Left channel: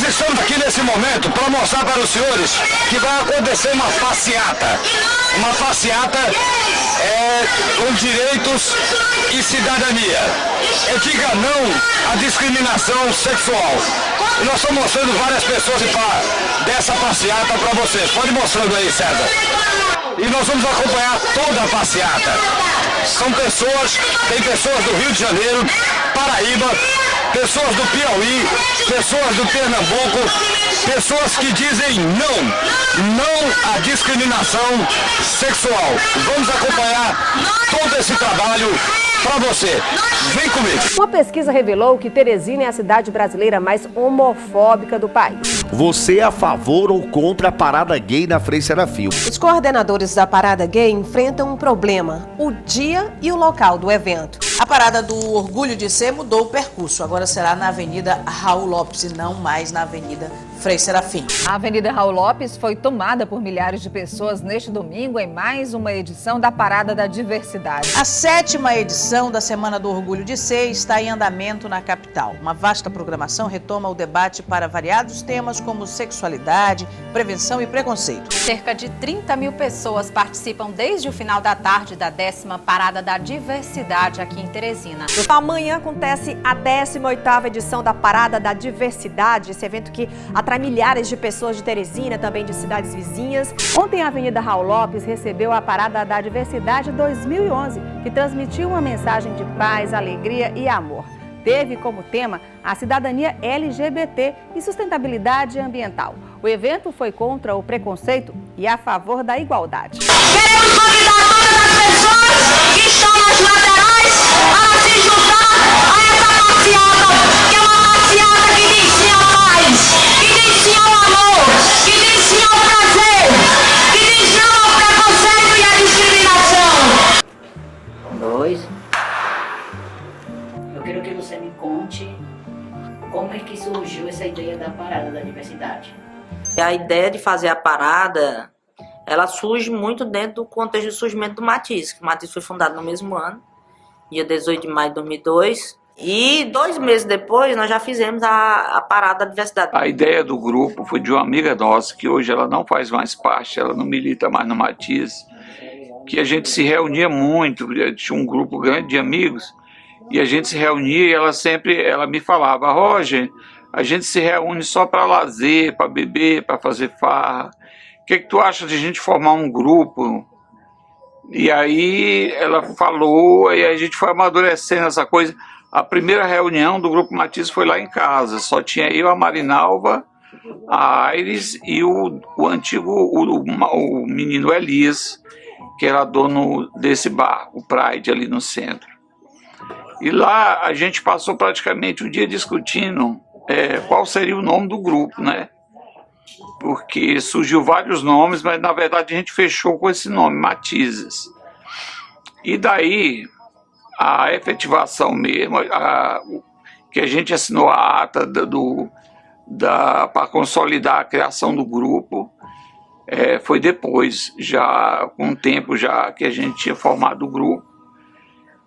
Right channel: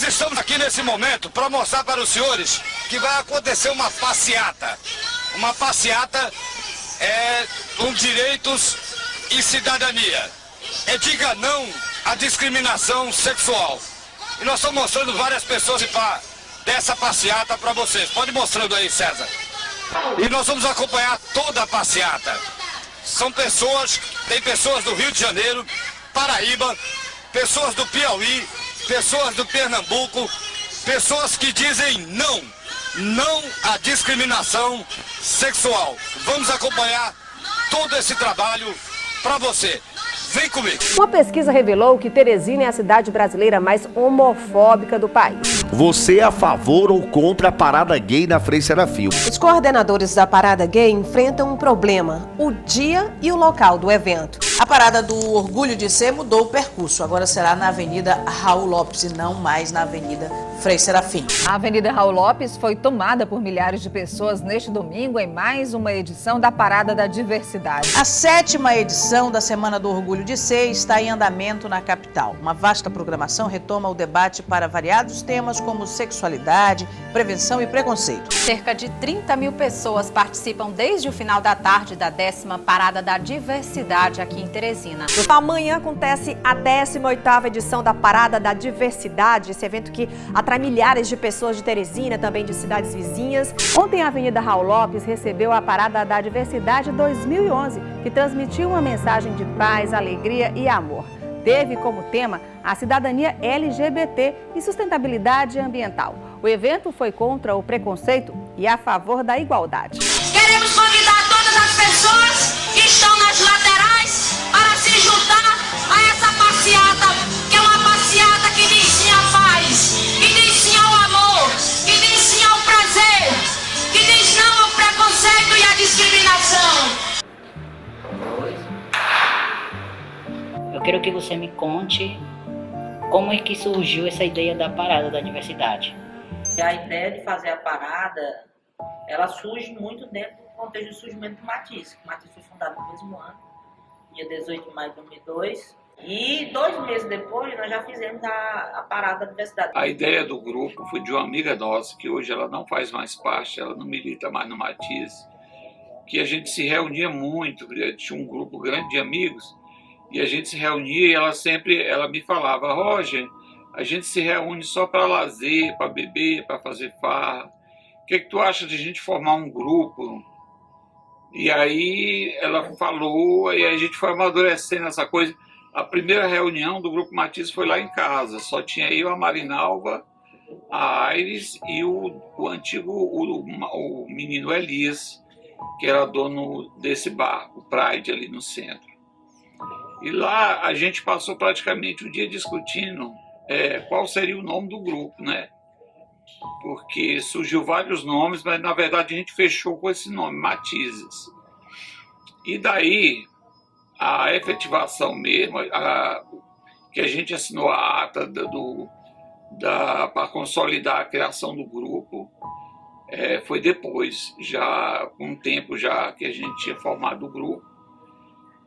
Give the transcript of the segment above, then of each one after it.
Nós estamos aqui nesse momento para mostrar para os senhores que vai acontecer uma passeata. Uma passeata com direitos e cidadania. Diga não à discriminação sexual. E nós estamos mostrando várias pessoas dessa passeata para vocês. Pode ir mostrando aí, César. E nós vamos acompanhar toda a passeata. Tem pessoas do Rio de Janeiro, Paraíba, pessoas do Piauí, pessoas do Pernambuco, pessoas que dizem não à discriminação sexual. Vamos acompanhar todo esse trabalho para você. Vem comigo. Uma pesquisa revelou que Teresina é a cidade brasileira mais homofóbica do país. Você é a favor ou contra a parada gay na Frei Serafim? Os coordenadores da parada gay enfrentam um problema: o dia e o local do evento. A parada do Orgulho de Ser mudou o percurso. Agora será na Avenida Raul Lopes e não mais na Avenida Frei Serafim. A Avenida Raul Lopes foi tomada por milhares de pessoas neste domingo em mais uma edição da Parada da Diversidade. A 7ª edição da Semana do Orgulho de Ser está em andamento na capital. Uma vasta programação retoma o debate para variados temas como sexualidade, prevenção e preconceito. Cerca de 30 mil pessoas participam desde o final da tarde da 10ª Parada da Diversidade aqui em Teresina. Amanhã acontece a 18ª edição da Parada da Diversidade, esse evento que atrai milhares de pessoas de Teresina, também de cidades vizinhas. Ontem a Avenida Raul Lopes recebeu a Parada da Diversidade 2011, que transmitiu uma mensagem de paz, alegria e amor. Teve como tema a cidadania LGBT e sustentabilidade ambiental. O evento foi contra o preconceito e a favor da igualdade. Queremos convidar todas as pessoas que estão nas laterais para se juntar a essa passeata, que é uma passeata que diz sim à paz, que diz sim ao amor, que diz sim ao prazer, que diz não ao preconceito e à discriminação. Eu quero que você me conte como é que surgiu essa ideia da Parada da Diversidade. A ideia de fazer a parada, ela surge muito dentro do contexto do surgimento do Matiz. O Matiz foi fundado no mesmo ano, dia 18 de maio de 2002. E 2 meses depois, nós já fizemos a Parada da Diversidade. A ideia do grupo foi de uma amiga nossa, que hoje ela não faz mais parte, ela não milita mais no Matiz, que a gente se reunia muito, tinha um grupo grande de amigos, e a gente se reunia e ela me falava: Roger, a gente se reúne só para lazer, para beber, para fazer farra. O que tu acha de a gente formar um grupo? E aí ela falou, e a gente foi amadurecendo essa coisa. A primeira reunião do Grupo Matiz foi lá em casa, só tinha eu, a Marinalva, a Aires e o menino Elias, que era dono desse bar, o Pride, ali no centro. E lá a gente passou praticamente o dia discutindo qual seria o nome do grupo, né? Porque surgiu vários nomes, mas na verdade a gente fechou com esse nome, Matizes. E daí a efetivação mesmo, que a gente assinou a ata para consolidar a criação do grupo, foi depois, já com um tempo já que a gente tinha formado o grupo.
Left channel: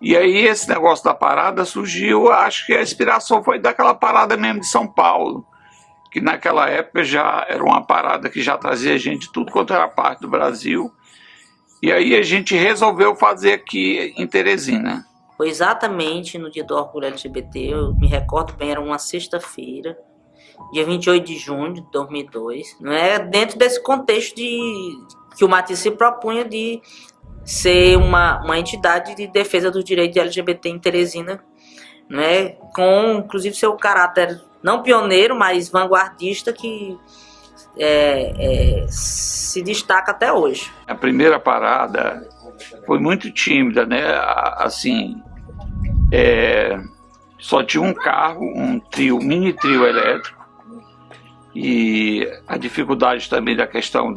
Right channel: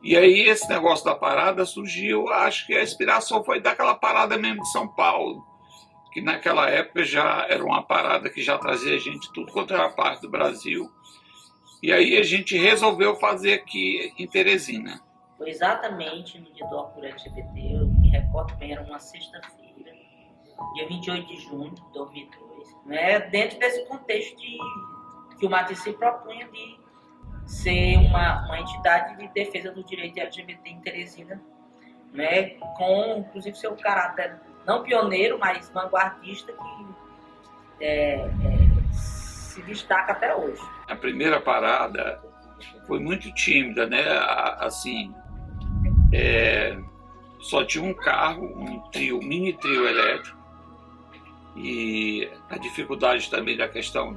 E aí esse negócio da parada surgiu, acho que a inspiração foi daquela parada mesmo de São Paulo, que naquela época já era uma parada que já trazia gente de tudo quanto era parte do Brasil. E aí a gente resolveu fazer aqui em Teresina. Foi exatamente no dia do Orgulho LGBT, eu me recordo bem, era uma sexta-feira, dia 28 de junho de 2002, né? Dentro desse contexto que o Matiz se propunha de ser uma entidade de defesa dos direitos LGBT em Teresina, né? Com inclusive seu caráter não pioneiro, mas vanguardista, que se destaca até hoje. A primeira parada foi muito tímida, né? Assim, só tinha um carro, um mini trio elétrico, e a dificuldade também da questão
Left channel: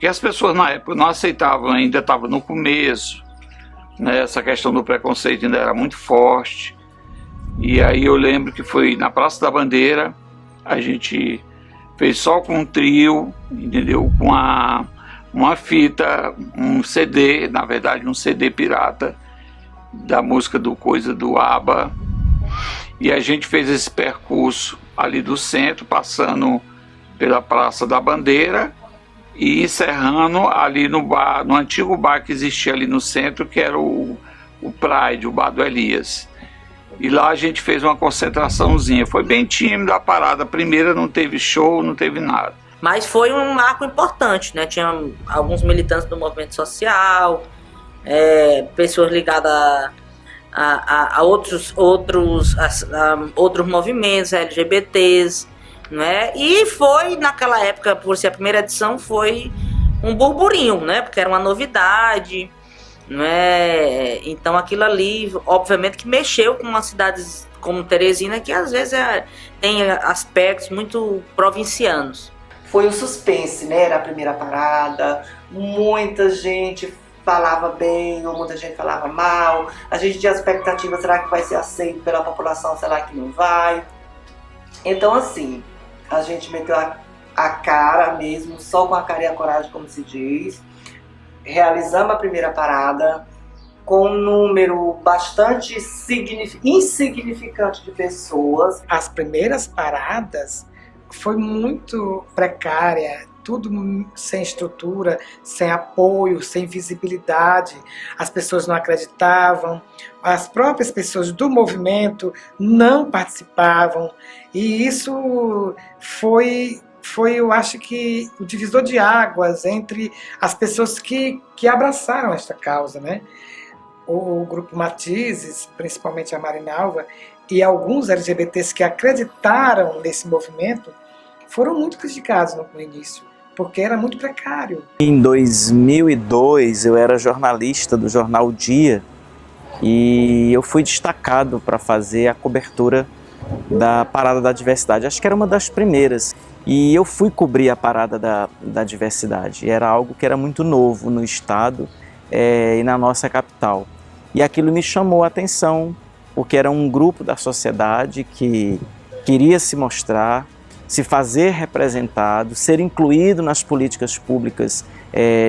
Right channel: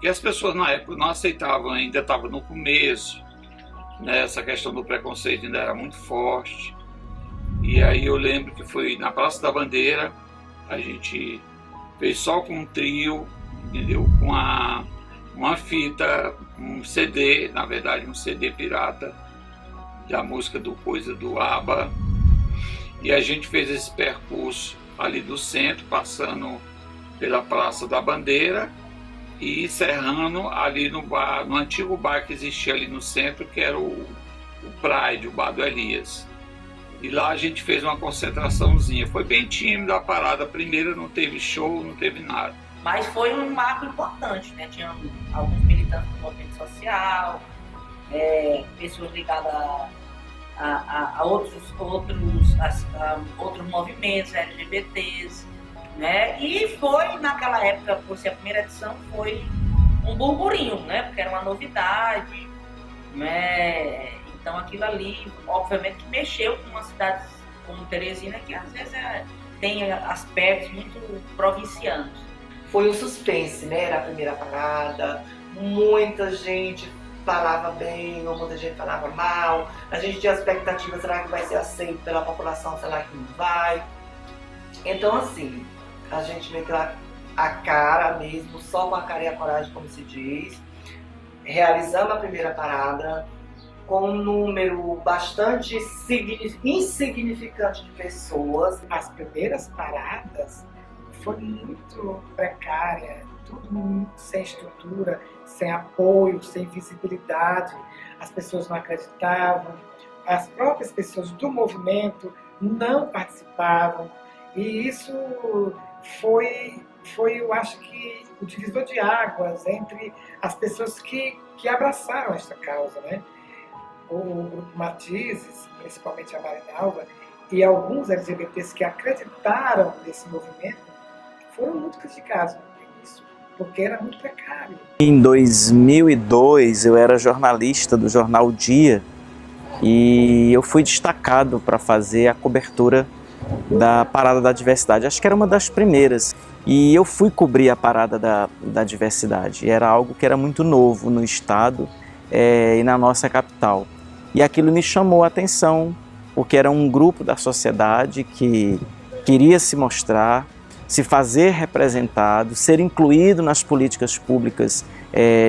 que as pessoas na época não aceitavam, ainda estava no começo, né? Essa questão do preconceito ainda era muito forte. E aí eu lembro que foi na Praça da Bandeira, a gente fez só com um trio, entendeu? Com uma fita, um CD, na verdade um CD pirata, da música do ABBA. E a gente fez esse percurso ali do centro, passando pela Praça da Bandeira e encerrando ali no bar, no antigo bar que existia ali no centro, que era o Pride, o Bar do Elias. E lá a gente fez uma concentraçãozinha. Foi bem tímida a parada. A primeira não teve show, não teve nada. Mas foi um marco importante, né? Tinha alguns militantes do movimento social, pessoas ligadas a outros movimentos LGBTs, né? E foi, naquela época, por ser a primeira edição, foi um burburinho, né? Porque era uma novidade, né? Então aquilo ali, obviamente, que mexeu com uma cidade como Teresina, que às vezes tem aspectos muito provincianos. Foi um suspense, né? Era a primeira parada, muita gente falava bem ou muita gente falava mal. A gente tinha expectativa, será que vai ser aceito pela população, será que não vai? Então assim, a gente meteu a cara mesmo, só com a cara e a coragem, como se diz. Realizamos a primeira parada com um número bastante insignificante de pessoas. As primeiras paradas foi muito precária, tudo sem estrutura, sem apoio, sem visibilidade. As pessoas não acreditavam, as próprias pessoas do movimento não participavam. E isso foi, eu acho que, o divisor de águas entre as pessoas que abraçaram esta causa, né? O grupo Matizes, principalmente a Marinalva, e alguns LGBTs que acreditaram nesse movimento, foram muito criticados no início, porque era muito precário. Em 2002, eu era jornalista do jornal Dia, e eu fui destacado para fazer a cobertura da Parada da Diversidade. Acho que era uma das primeiras. E eu fui cobrir a Parada da Diversidade. Era algo que era muito novo no estado e na nossa capital. E aquilo me chamou a atenção, porque era um grupo da sociedade que queria se mostrar, se fazer representado, ser incluído nas políticas públicas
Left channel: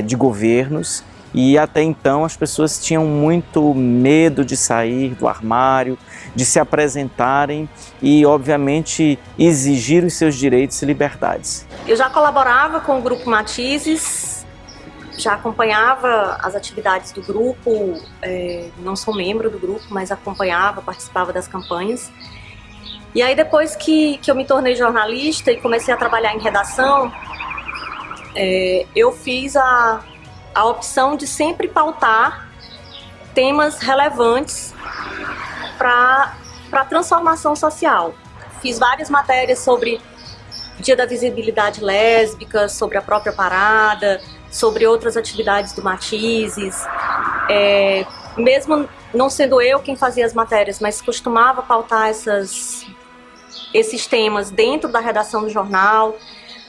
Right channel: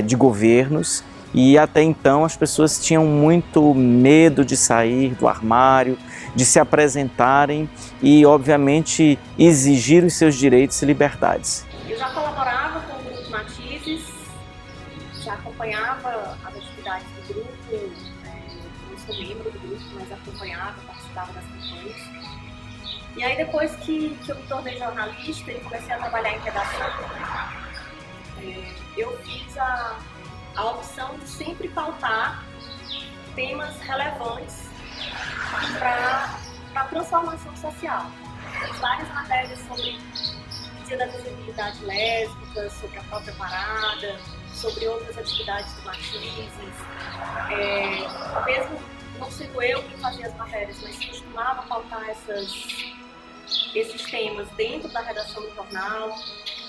de governos. E até então as pessoas tinham muito medo de sair do armário, de se apresentarem e, obviamente, exigir os seus direitos e liberdades. Eu já colaborava com o Grupo Matizes, já acompanhava as atividades do grupo, não sou membro do grupo, mas acompanhava, participava das campanhas. E aí depois que eu me tornei jornalista e comecei a trabalhar em redação, eu fiz a opção de sempre pautar temas relevantes para a transformação social. Fiz várias matérias sobre Dia da Visibilidade Lésbica, sobre a própria parada, sobre outras atividades do Matizes. Mesmo não sendo eu quem fazia as matérias, mas costumava pautar esses temas dentro da redação do jornal,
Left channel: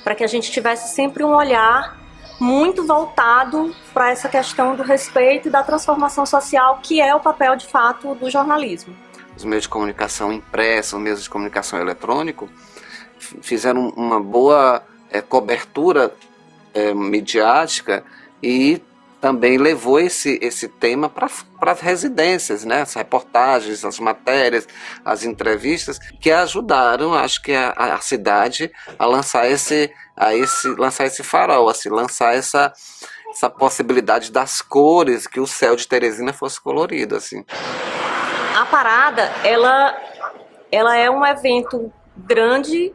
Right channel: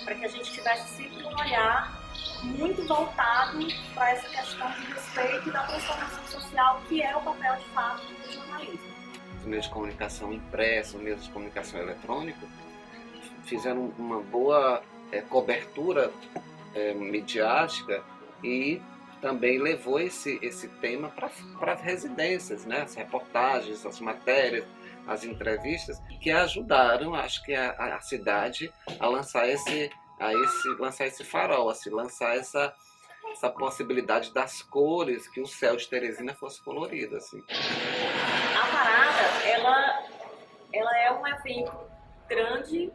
para que a gente tivesse sempre um olhar muito voltado para essa questão do respeito e da transformação social, que é o papel, de fato, do jornalismo. Os meios de comunicação impressa, os meios de comunicação eletrônico, fizeram uma boa cobertura midiática e também levou esse tema para as residências, né? As reportagens, as matérias, as entrevistas, que ajudaram, acho que, a cidade a lançar esse farol, a se lançar essa possibilidade das cores, que o céu de Teresina fosse colorido, assim. A parada, ela é um evento grande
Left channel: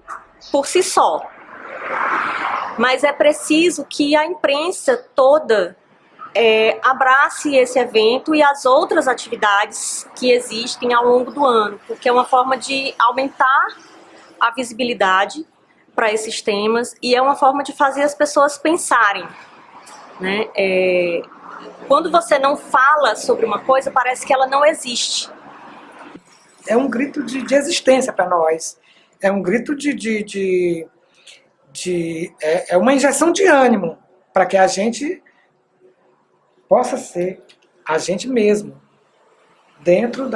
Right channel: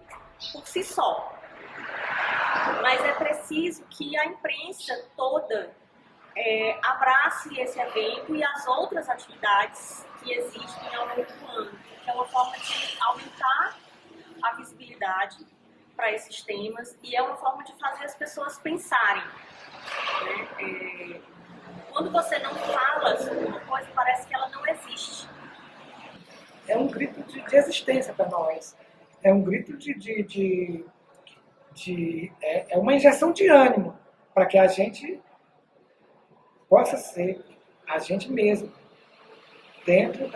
por si só, mas é preciso que a imprensa toda abrace esse evento e as outras atividades que existem ao longo do ano, porque é uma forma de aumentar a visibilidade para esses temas e é uma forma de fazer as pessoas pensarem, né? Quando você não fala sobre uma coisa, parece que ela não existe. É um grito de existência para nós, é um grito é uma injeção de ânimo para que a gente possa ser a gente mesmo, dentro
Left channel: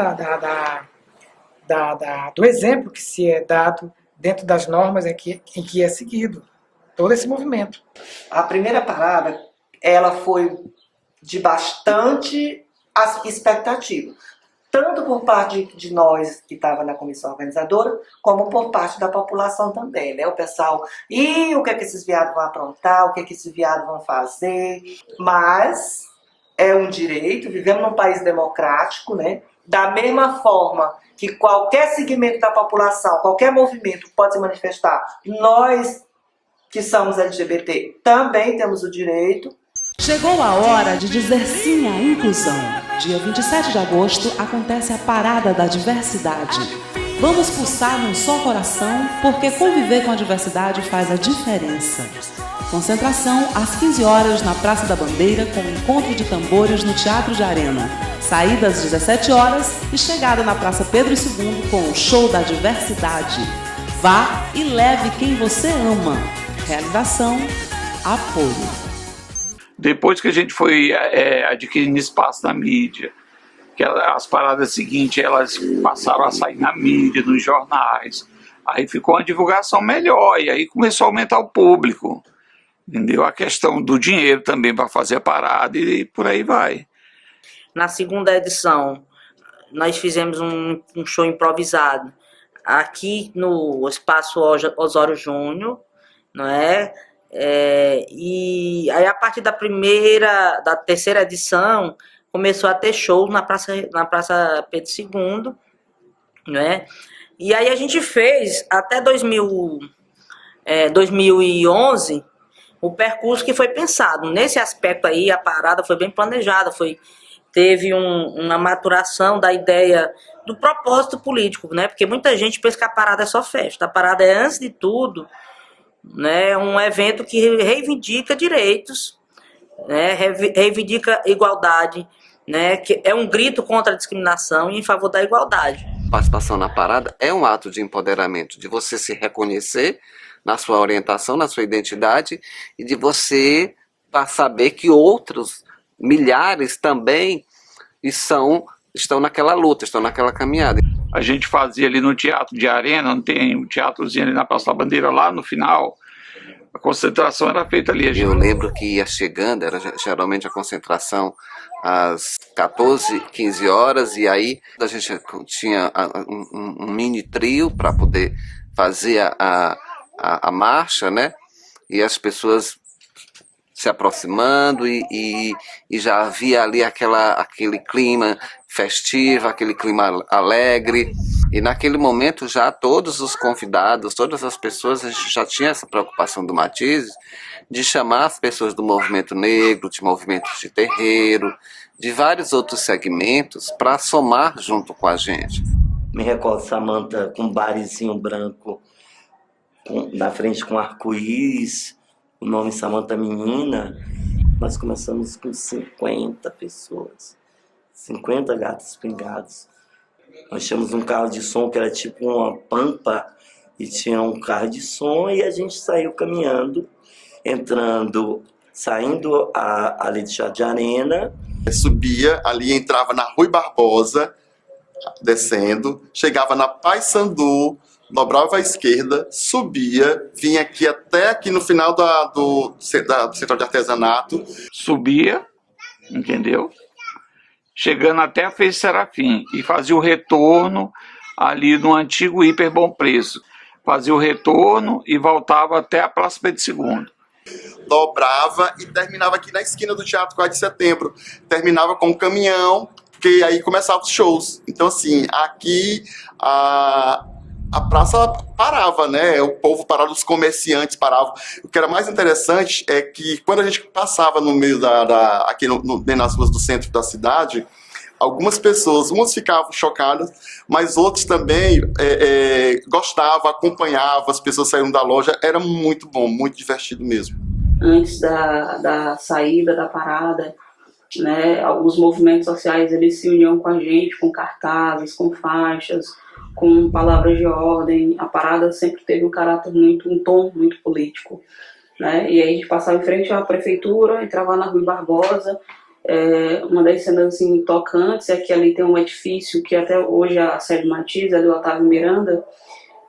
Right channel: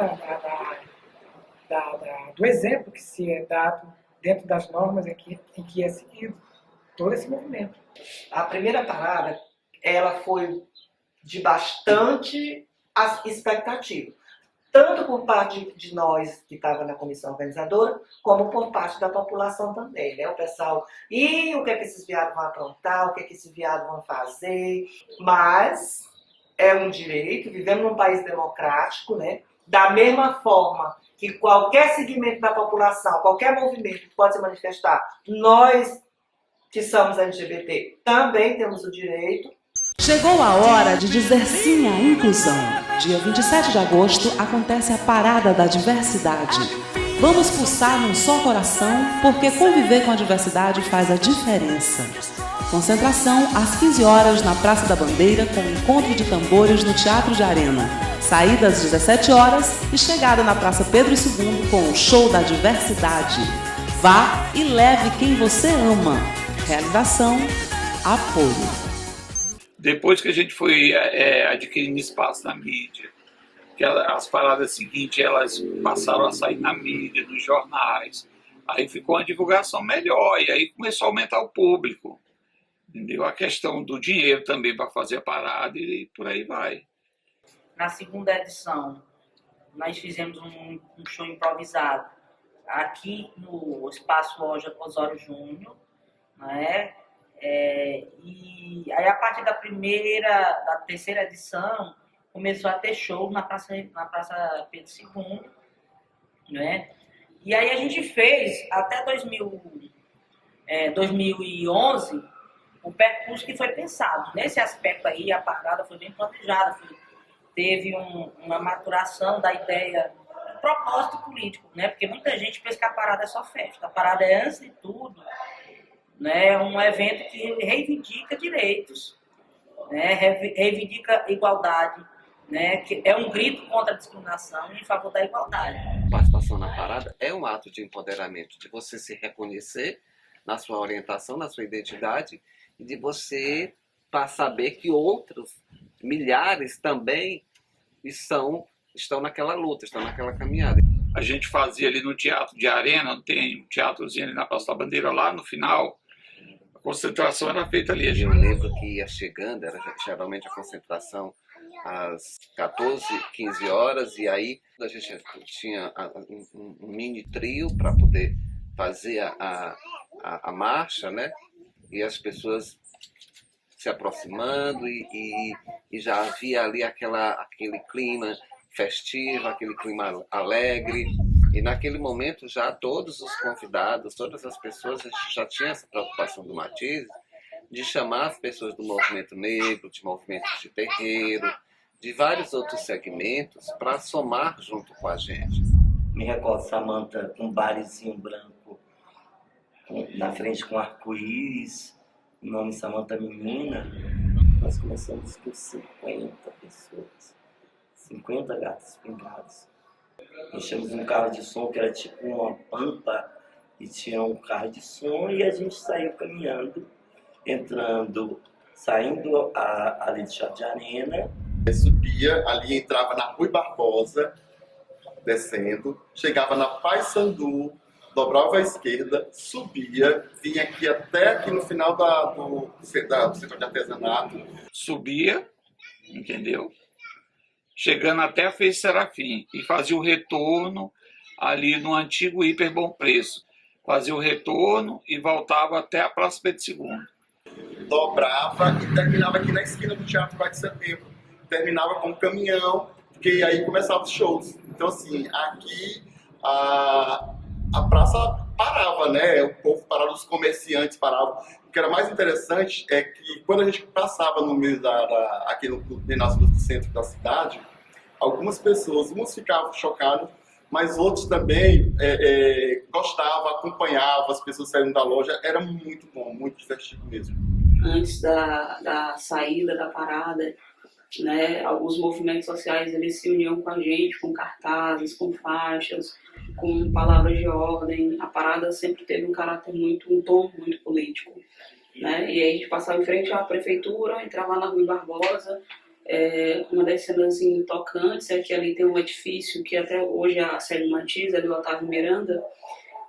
do exemplo que se é dado, dentro das normas em que é seguido todo esse movimento. A primeira parada, ela foi de bastante expectativa. tanto por parte de nós que estava na comissão organizadora, como por parte da população também, né? O pessoal, e o que é que esses viados vão aprontar, o que é que esses viados vão fazer, mas é um direito, vivemos num país democrático, né? Da mesma forma que qualquer segmento da população, qualquer movimento pode se manifestar, nós que somos LGBT também temos o direito. Chegou a hora de dizer sim à inclusão. Dia 27 de agosto acontece a Parada da Diversidade. Vamos pulsar num só coração, porque conviver com a diversidade faz a diferença. Concentração às 15 horas na Praça da Bandeira, com encontro de tambores no Teatro de Arena. Saída às 17 horas e chegada na Praça Pedro II com o Show da Diversidade. Vá e leve quem você ama. Realização, apoio. Depois que a gente foi adquirindo espaço na mídia, que as paradas seguintes elas passaram a sair na mídia, nos jornais, aí ficou uma divulgação melhor e aí começou a aumentar o público, entendeu? A questão do dinheiro também para fazer a parada e por aí vai. Na segunda edição, nós fizemos um show improvisado aqui no Espaço Osório Júnior, não é? E aí a partir da terceira edição começou a ter shows na Praça Pedro II, né? E aí a gente fez até 2011 o percurso que foi pensado. Nesse aspecto aí a parada foi bem planejada, teve uma maturação da ideia do propósito político, né? Porque muita gente pensa que a parada é só festa. A parada é, antes de tudo, né, um evento que reivindica direitos, né, reivindica igualdade, né, que é um grito contra a discriminação e em favor da igualdade. Participação na parada é um ato de empoderamento, de você se reconhecer na sua orientação, na sua identidade e de você saber que outros milhares também estão naquela luta, estão naquela caminhada. A gente fazia ali no Teatro de Arena, não tem um teatrozinho ali na Praça da Bandeira, lá no final, a concentração era feita ali. Eu lembro que ia chegando, era geralmente a concentração às 14, 15 horas, e aí a gente tinha um mini trio para poder fazer a marcha, né? E as pessoas se aproximando e já havia ali aquele clima festivo, aquele clima alegre. E naquele momento já todos os convidados, todas as pessoas, a gente já tinha essa preocupação do Matizes de chamar as pessoas do movimento negro, de movimentos de terreiro, de vários outros segmentos para somar junto com a gente. Me recordo Samanta com um barizinho branco na frente com arco-íris, o nome Samanta Menina. Nós começamos com 50 pessoas, 50 gatos pingados. Nós tínhamos um carro de som que era tipo uma pampa e tinha um carro de som e a gente saiu caminhando, saindo ali de Teatro de Arena. Subia ali, entrava na Rui Barbosa, descendo, chegava na Paissandu, dobrava à esquerda, subia, vinha até aqui no final do Central de Artesanato. Subia, entendeu? Chegando até a Fez Serafim e fazia o retorno ali no antigo Hiper Bom Preço. Fazia o retorno e voltava até a Praça Pedro II. Dobrava e terminava aqui na esquina do Teatro 4 de Setembro. Terminava com um caminhão, porque aí começavam os shows. Então, assim, aqui a praça parava, né? O povo parava, os comerciantes paravam. O que era mais interessante é que quando a gente passava no meio aqui nas ruas do centro da cidade, algumas pessoas, umas ficavam chocadas, mas outros também gostavam, acompanhavam, as pessoas saíram da loja. Era muito bom, muito divertido mesmo. Antes da saída da parada, né, alguns movimentos sociais eles se uniam com a gente, com cartazes, com faixas, com palavras de ordem. A parada sempre teve um tom muito político, né? E aí a gente passava em frente à prefeitura, entrava na Rui Barbosa. Uma das cenas assim, tocantes é que ali tem um edifício que até hoje a sede Matizes é do Otávio Miranda,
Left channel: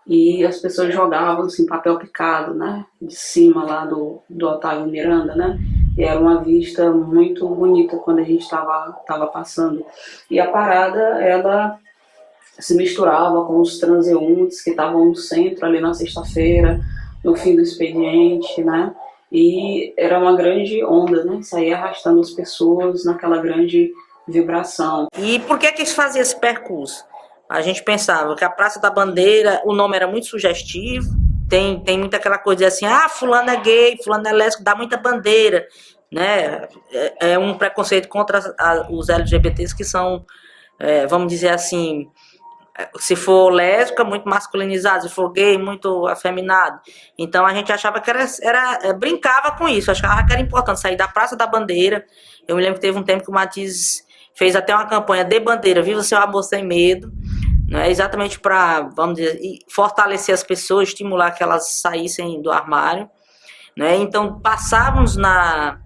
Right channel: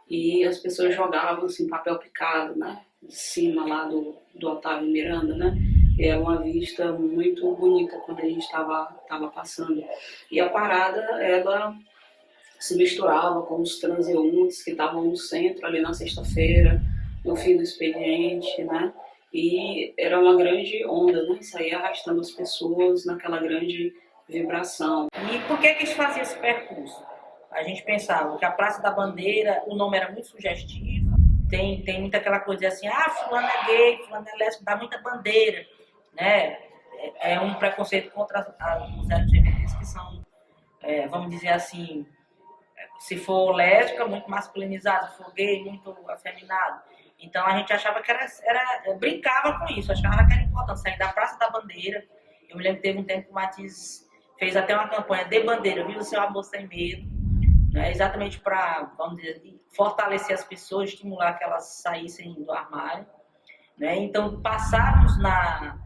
e as pessoas jogavam assim, papel picado, né, de cima lá do Otávio Miranda, né? E era uma vista muito bonita quando a gente estava passando. E a parada, ela se misturava com os transeuntes que estavam no centro ali na sexta-feira, no fim do expediente, né? E era uma grande onda, né? Saía arrastando as pessoas naquela grande vibração. E por que se fazia esse percurso? A gente pensava que a Praça da Bandeira, o nome era muito sugestivo, tem muita aquela coisa assim, fulano é gay, fulano é lésbico, dá muita bandeira, né? É um preconceito contra os LGBTs que são, vamos dizer assim, se for lésbica, muito masculinizado, se for gay, muito afeminado. Então a gente achava que brincava com isso, achava que era importante sair da Praça da Bandeira. Eu me lembro que teve um tempo que o Matiz fez até uma campanha de bandeira, Viva Seu Amor Sem Medo, né? Exatamente para, vamos dizer, fortalecer as pessoas, estimular que elas saíssem do armário, né? Então passávamos na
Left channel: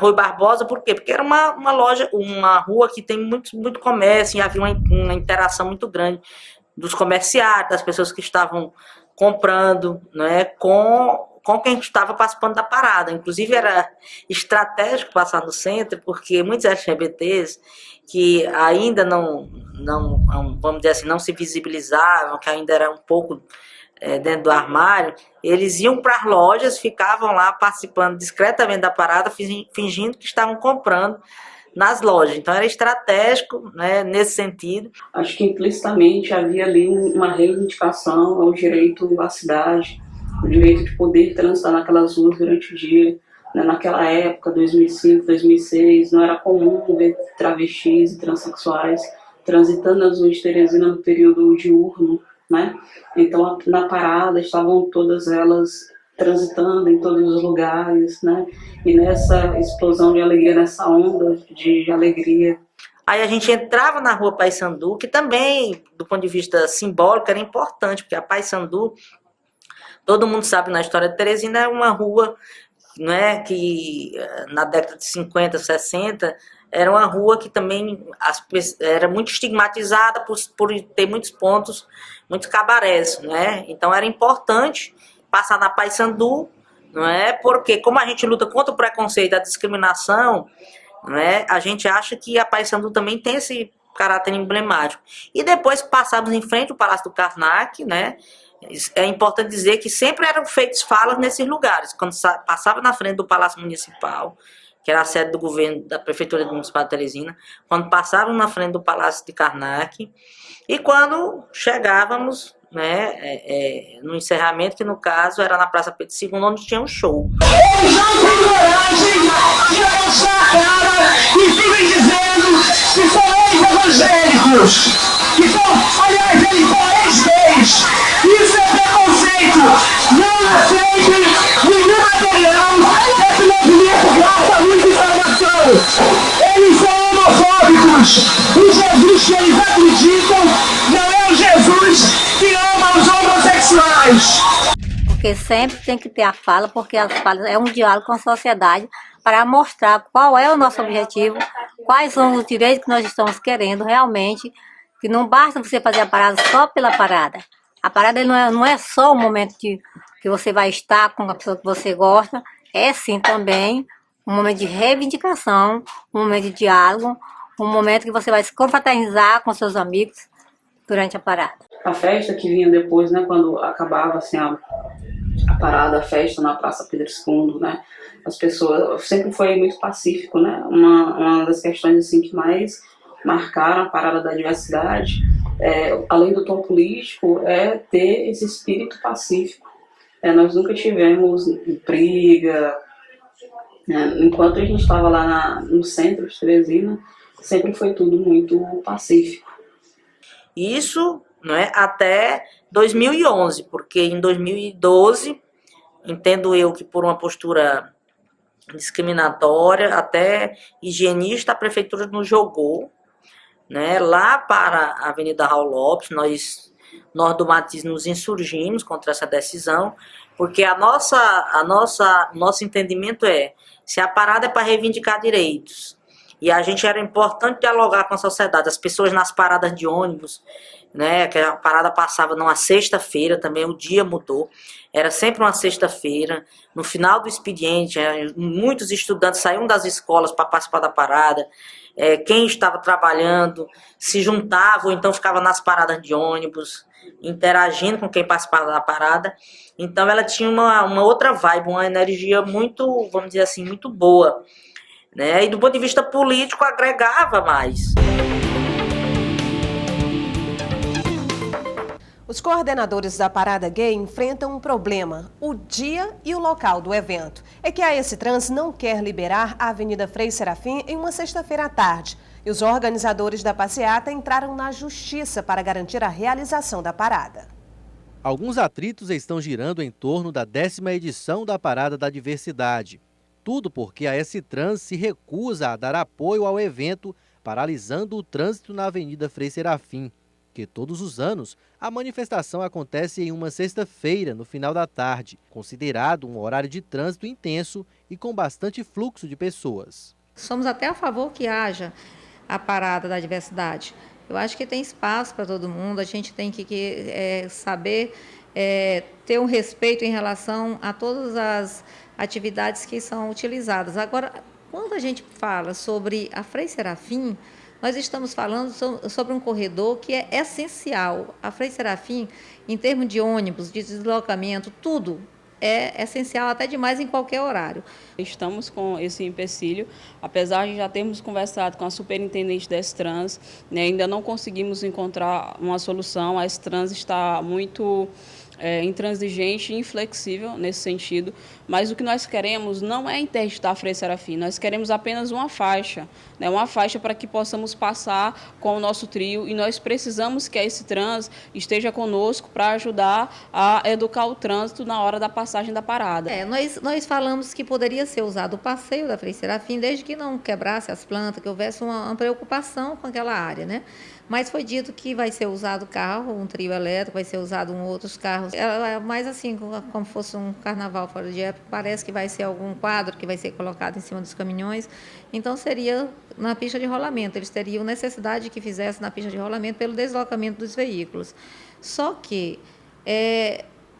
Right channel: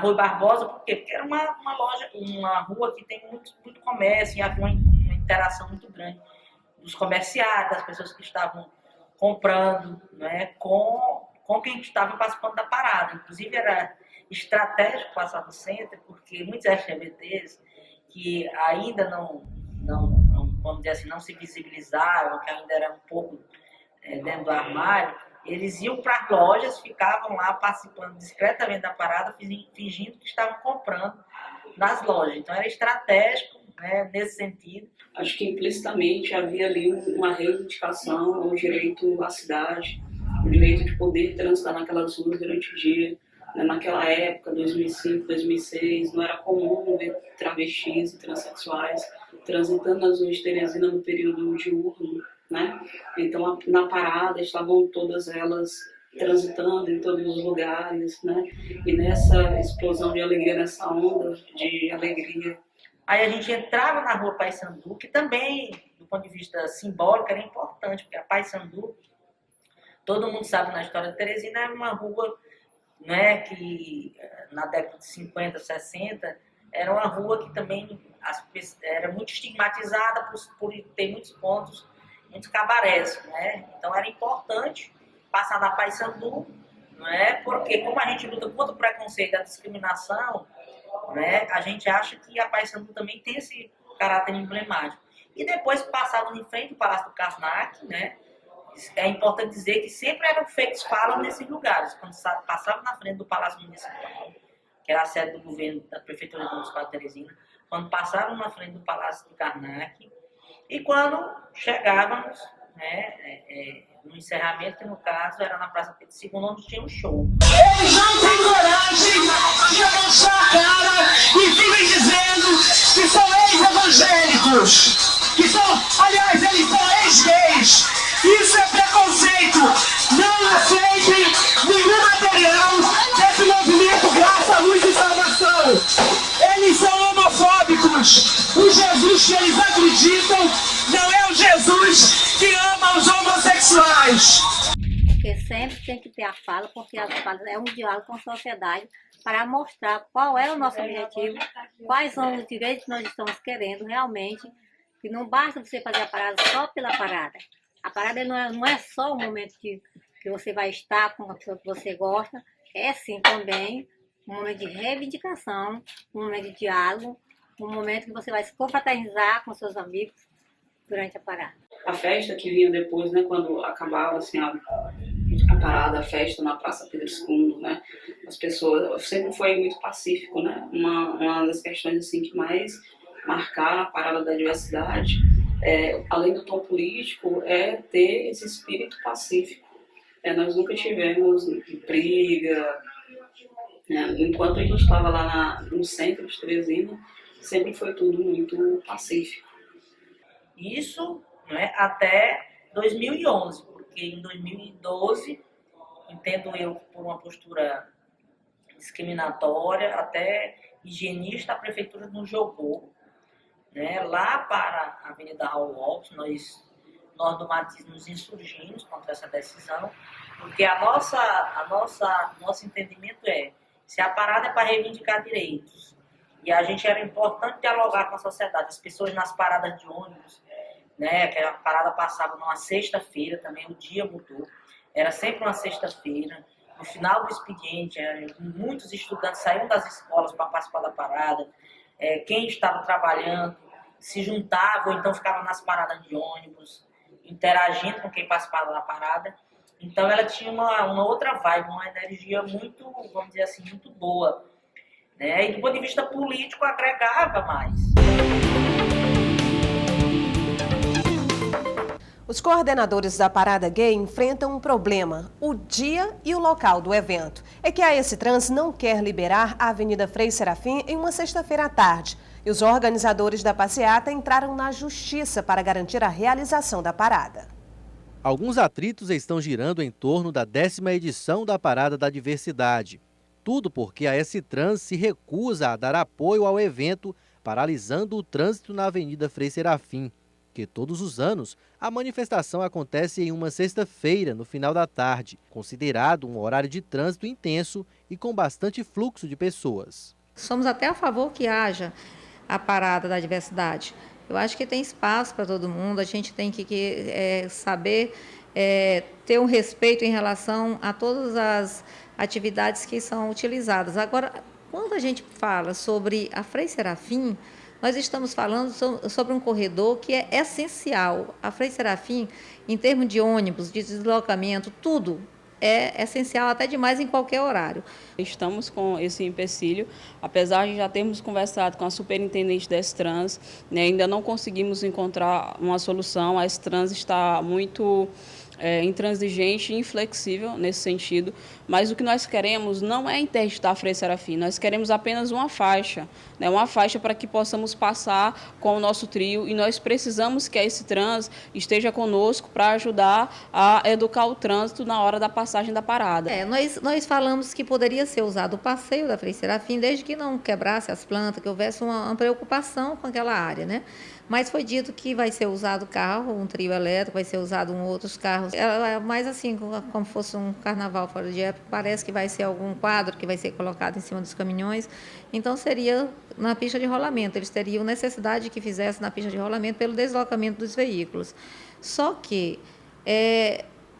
Rui Barbosa, por quê? Porque era uma loja, uma rua que tem muito comércio, e havia uma interação muito grande dos comerciários, das pessoas que estavam comprando, né, com quem estava participando da parada. Inclusive era estratégico passar no centro, porque muitos LGBTs que ainda não vamos dizer assim, não se visibilizavam, que ainda era um pouco dentro do armário, eles iam para as lojas, ficavam lá participando discretamente da parada, fingindo que estavam comprando nas lojas. Então era estratégico, né, nesse sentido. Acho que implicitamente havia ali uma reivindicação ao direito à cidade, o direito de poder transitar naquelas ruas durante o dia. Né? Naquela época, 2005, 2006, não era comum ver travestis e transexuais transitando nas ruas de Teresina no período diurno, né? Então na parada estavam todas elas transitando em todos os lugares, né? E nessa explosão de alegria, nessa onda de alegria. Aí a gente entrava na rua Paissandu, que também, do ponto de vista simbólico, era importante, porque a Paissandu, todo mundo sabe na história de Teresina, é uma rua, né, que na década de 50, 60, era uma rua que também era muito estigmatizada por ter muitos pontos, muitos cabarés, né? Então era importante passar na Paissandu, não é? Porque como a gente luta contra o preconceito e a discriminação, não é? A gente acha que a Paissandu também tem esse caráter emblemático. E depois passávamos em frente ao Palácio do Karnak, né? É importante dizer que sempre eram feitas falas nesses lugares. Quando passava na frente do Palácio Municipal, que era a sede do governo da Prefeitura Municipal de Teresina, quando passávamos na frente do Palácio de Karnak, e quando chegávamos, né, no encerramento, que no caso era na Praça Pedro II, onde tinha um show. Eles não têm coragem de abaixar a cara e ficam dizendo que são ex-evangélicos, que são, aliás, eles são ex-gays. Isso é preconceito. Não aceitem nenhum material desse movimento Graça, Luz e Informação. Eles são homofóbicos. O Jesus que eles acreditam não é o Jesus que ama os homossexuais. Porque sempre tem que ter a fala, porque as falas é um diálogo com a sociedade para mostrar qual é o nosso objetivo, quais são os direitos que nós estamos querendo realmente, que não basta você fazer a parada só pela parada. A parada não é só o momento que você vai estar com a pessoa que você gosta, é sim também um momento de reivindicação, um momento de diálogo, um momento que você vai se confraternizar com seus amigos durante a parada. A festa que vinha depois, né, quando acabava assim, a parada, a festa na Praça Pedro II, né, as pessoas, sempre foi muito pacífico, né, uma das questões assim, que mais marcaram a parada da diversidade, além do tom político, é ter esse espírito pacífico. Nós nunca tivemos briga, né, enquanto a gente estava lá no centro de Teresina, sempre foi tudo muito pacífico. Isso, não é, até 2011, porque em 2012, entendo eu que por uma postura discriminatória, até higienista, a prefeitura nos jogou, né, lá para a Avenida Raul Lopes. Nós do Matiz nos insurgimos contra essa decisão, porque nosso entendimento se a parada é para reivindicar direitos, e a gente era importante dialogar com a sociedade, as pessoas nas paradas de ônibus, né? Que a parada passava numa sexta-feira, também o dia mudou. Era sempre uma sexta-feira. No final do expediente, muitos estudantes saíam das escolas para participar da parada. Quem estava trabalhando se juntava, ou então ficava nas paradas de ônibus, interagindo com quem participava da parada. Então ela tinha uma outra vibe, uma energia muito, vamos dizer assim, muito boa, né? E do ponto de vista político agregava mais. Os coordenadores da Parada Gay enfrentam um problema: o dia e o local do evento. É que a AS Trans não quer liberar a Avenida Frei Serafim em uma sexta-feira à tarde. E os organizadores da passeata entraram na justiça para garantir a realização da parada. Alguns atritos estão girando em torno da 10ª edição da Parada da Diversidade. Tudo porque a AS Trans se recusa a dar apoio ao evento, paralisando o trânsito na Avenida Frei Serafim. Que todos os anos a manifestação acontece em uma sexta-feira, no final da tarde, considerado um horário de trânsito intenso e com bastante fluxo de pessoas. Somos até a favor que haja a parada da diversidade. Eu acho que tem espaço para todo mundo, a gente tem que saber ter um respeito em relação a todas as atividades que são utilizadas. Agora, quando a gente fala sobre a Frei Serafim, nós estamos falando sobre um corredor que é essencial. A Frei Serafim, em termos de ônibus, de deslocamento, tudo é essencial, até demais em qualquer horário. Estamos com esse empecilho, apesar de já termos conversado com a superintendente da S-Trans, né, ainda não conseguimos encontrar uma solução. A S-Trans está muito intransigente e inflexível nesse sentido, mas o que nós queremos não é interditar a Frei Serafim, nós queremos apenas uma faixa, né, uma faixa para que possamos passar com o nosso trio, e nós precisamos que a S-Trans esteja conosco para ajudar a educar o trânsito na hora da passagem da parada. Nós falamos que poderia ser usado o passeio da Frei Serafim, desde que não quebrasse as plantas, que houvesse uma preocupação com aquela área, né? Mas foi dito que vai ser usado carro, um trio elétrico, vai ser usado outros carros. Mais assim, como fosse um carnaval fora de época, parece que vai ser algum quadro que vai ser colocado em cima dos caminhões. Então seria na pista de rolamento, eles teriam necessidade de que fizesse na pista de rolamento pelo deslocamento dos veículos. Só que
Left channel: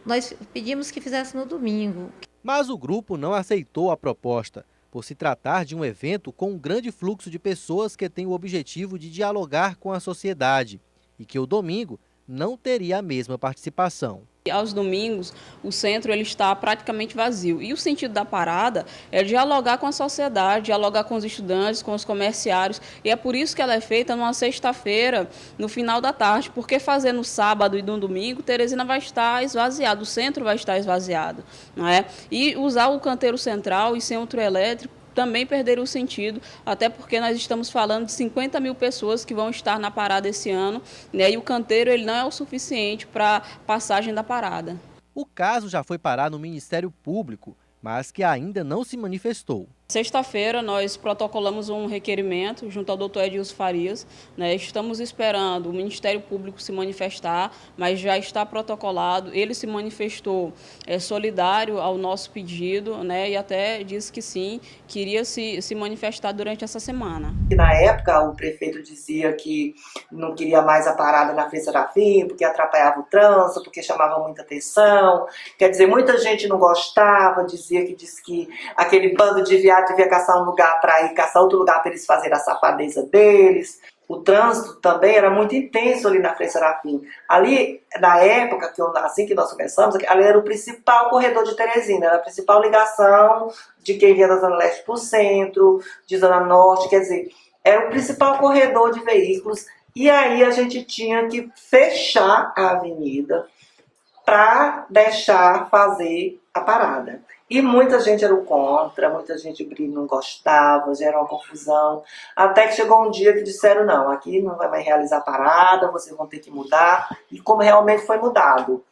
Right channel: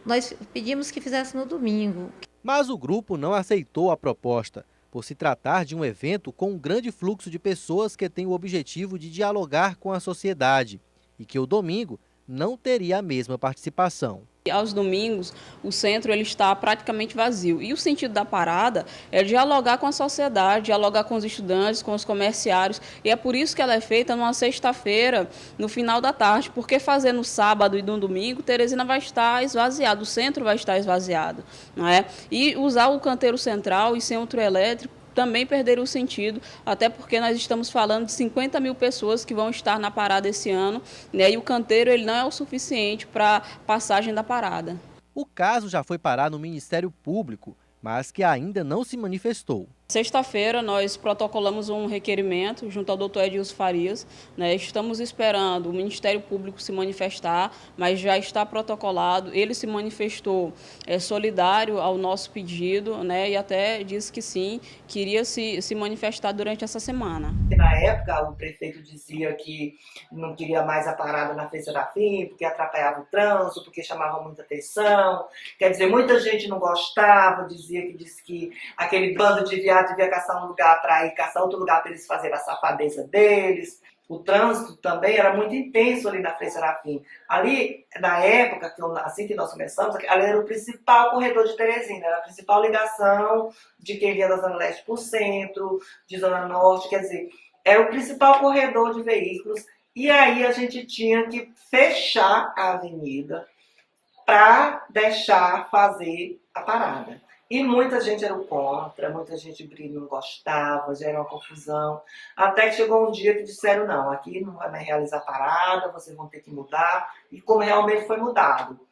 nós pedimos que fizesse no domingo. Mas o grupo não aceitou a proposta, por se tratar de um evento com um grande fluxo de pessoas que tem o objetivo de dialogar com a sociedade e que o domingo não teria a mesma participação. Aos domingos, o centro ele está praticamente vazio. E o sentido da parada é dialogar com a sociedade, dialogar com os estudantes, com os comerciários. E é por isso que ela é feita numa sexta-feira, no final da tarde. Porque fazer no sábado e no domingo, Teresina vai estar esvaziado, o centro vai estar esvaziado, não é? E usar o canteiro central e centro elétrico também perderia o sentido, até porque nós estamos falando de 50 mil pessoas que vão estar na parada esse ano, né, e o canteiro ele não é o suficiente para passagem da parada. O caso já foi parar no Ministério Público, mas que ainda não se manifestou. Sexta-feira, nós protocolamos um requerimento junto ao doutor Edilson Farias, né? Estamos esperando o Ministério Público se manifestar, mas já está protocolado. Ele se manifestou solidário ao nosso pedido, né? E até disse que sim, queria se manifestar durante essa semana. Na época, o prefeito dizia que não queria mais a parada na Frei Serafim, porque atrapalhava o trânsito, porque chamava muita atenção. Quer dizer, muita gente não gostava, disse que aquele bando de viados devia caçar um lugar para ir caçar outro lugar para eles fazerem a safadeza deles. O trânsito também era muito intenso ali na Frei Serafim. Ali, na época, assim que nós começamos, ali era o principal corredor de Teresina, era a principal ligação de quem vinha da Zona Leste para o centro, de Zona Norte, quer dizer, era o principal corredor de veículos. E aí a gente tinha que fechar a avenida para deixar fazer a parada. E muita gente era contra, muita gente não gostava, já era uma confusão. Até que chegou um dia que disseram, não, aqui não vai mais realizar a parada, vocês vão ter que mudar. E como realmente foi mudado.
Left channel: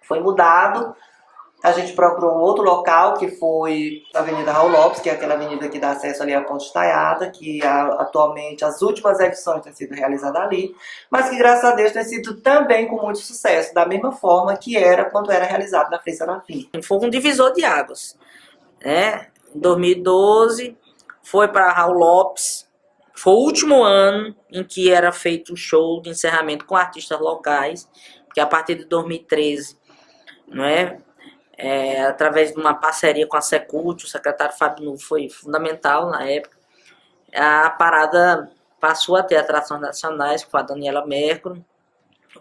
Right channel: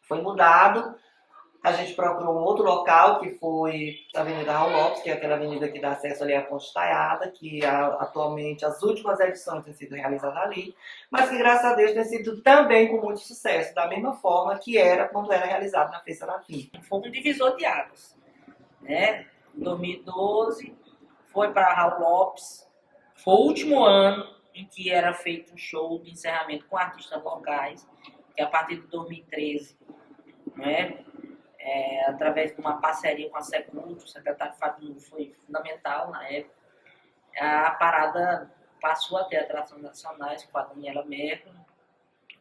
Foi mudado, a gente procurou um outro local, que foi a Avenida Raul Lopes, que é aquela avenida que dá acesso ali à Ponte Estaiada, que atualmente as últimas edições têm sido realizadas ali, mas que graças a Deus tem sido também com muito sucesso, da mesma forma que era quando era realizado na Frei Serafim. Foi um divisor de águas, né? Em 2012 foi para Raul Lopes, Foi o último ano em que era feito o show de encerramento com artistas locais, porque a partir de 2013, não é? Através de uma parceria com a Secult, o secretário Fábio Nuvo foi fundamental na época, a parada passou a ter atrações nacionais com a Daniela Mercury.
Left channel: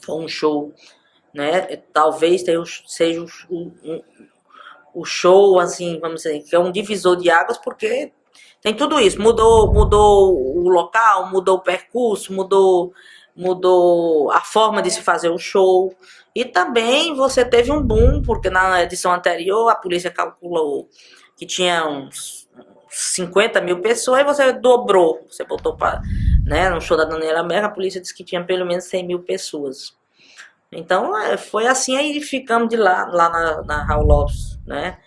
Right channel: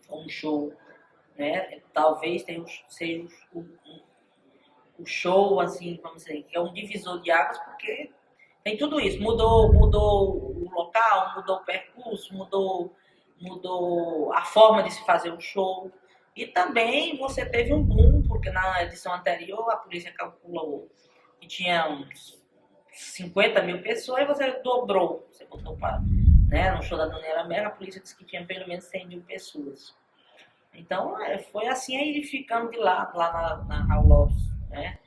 Foi um show, né? Talvez seja o show, assim, vamos dizer, que é um divisor de águas, porque tem tudo isso. Mudou o local, mudou o percurso, mudou a forma de se fazer o show. E também você teve um boom, porque na edição anterior a polícia calculou que tinha uns 50 mil pessoas, e você dobrou. Você botou para, né, no show da Daniela Mercury, a polícia disse que tinha pelo menos 100 mil pessoas. Então, foi assim, aí ficamos de lá na Raul Lopes, né,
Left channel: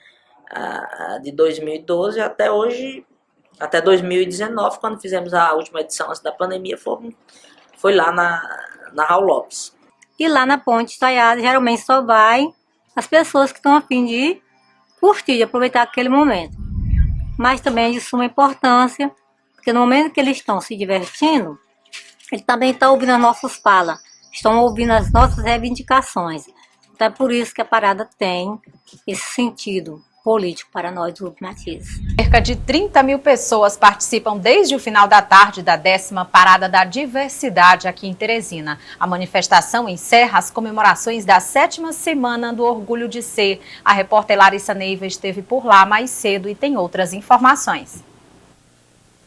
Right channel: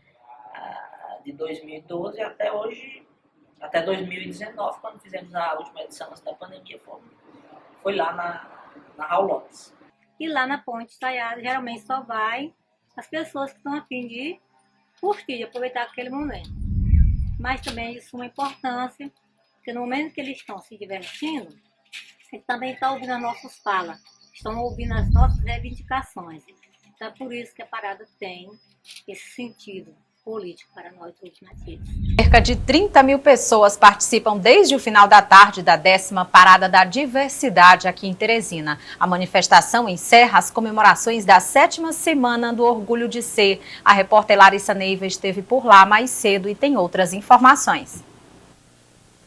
de 2012 até hoje, até 2019, quando fizemos a última edição antes da pandemia, foi lá na Raul Lopes. E lá na Ponte Estaiada, geralmente só vai as pessoas que estão a fim de curtir, de aproveitar aquele momento. Mas também é de suma importância, porque no momento que eles estão se divertindo, ele também está ouvindo as nossas falas, estão ouvindo as nossas reivindicações. Então é por isso que a parada tem esse sentido político para nós do Grupo Matizes. Cerca de 30 mil pessoas participam desde o final da tarde da 10ª Parada da Diversidade aqui em Teresina. A manifestação encerra as comemorações da 7ª Semana do Orgulho de Ser. A repórter Larissa Neiva esteve por lá mais cedo e tem outras informações.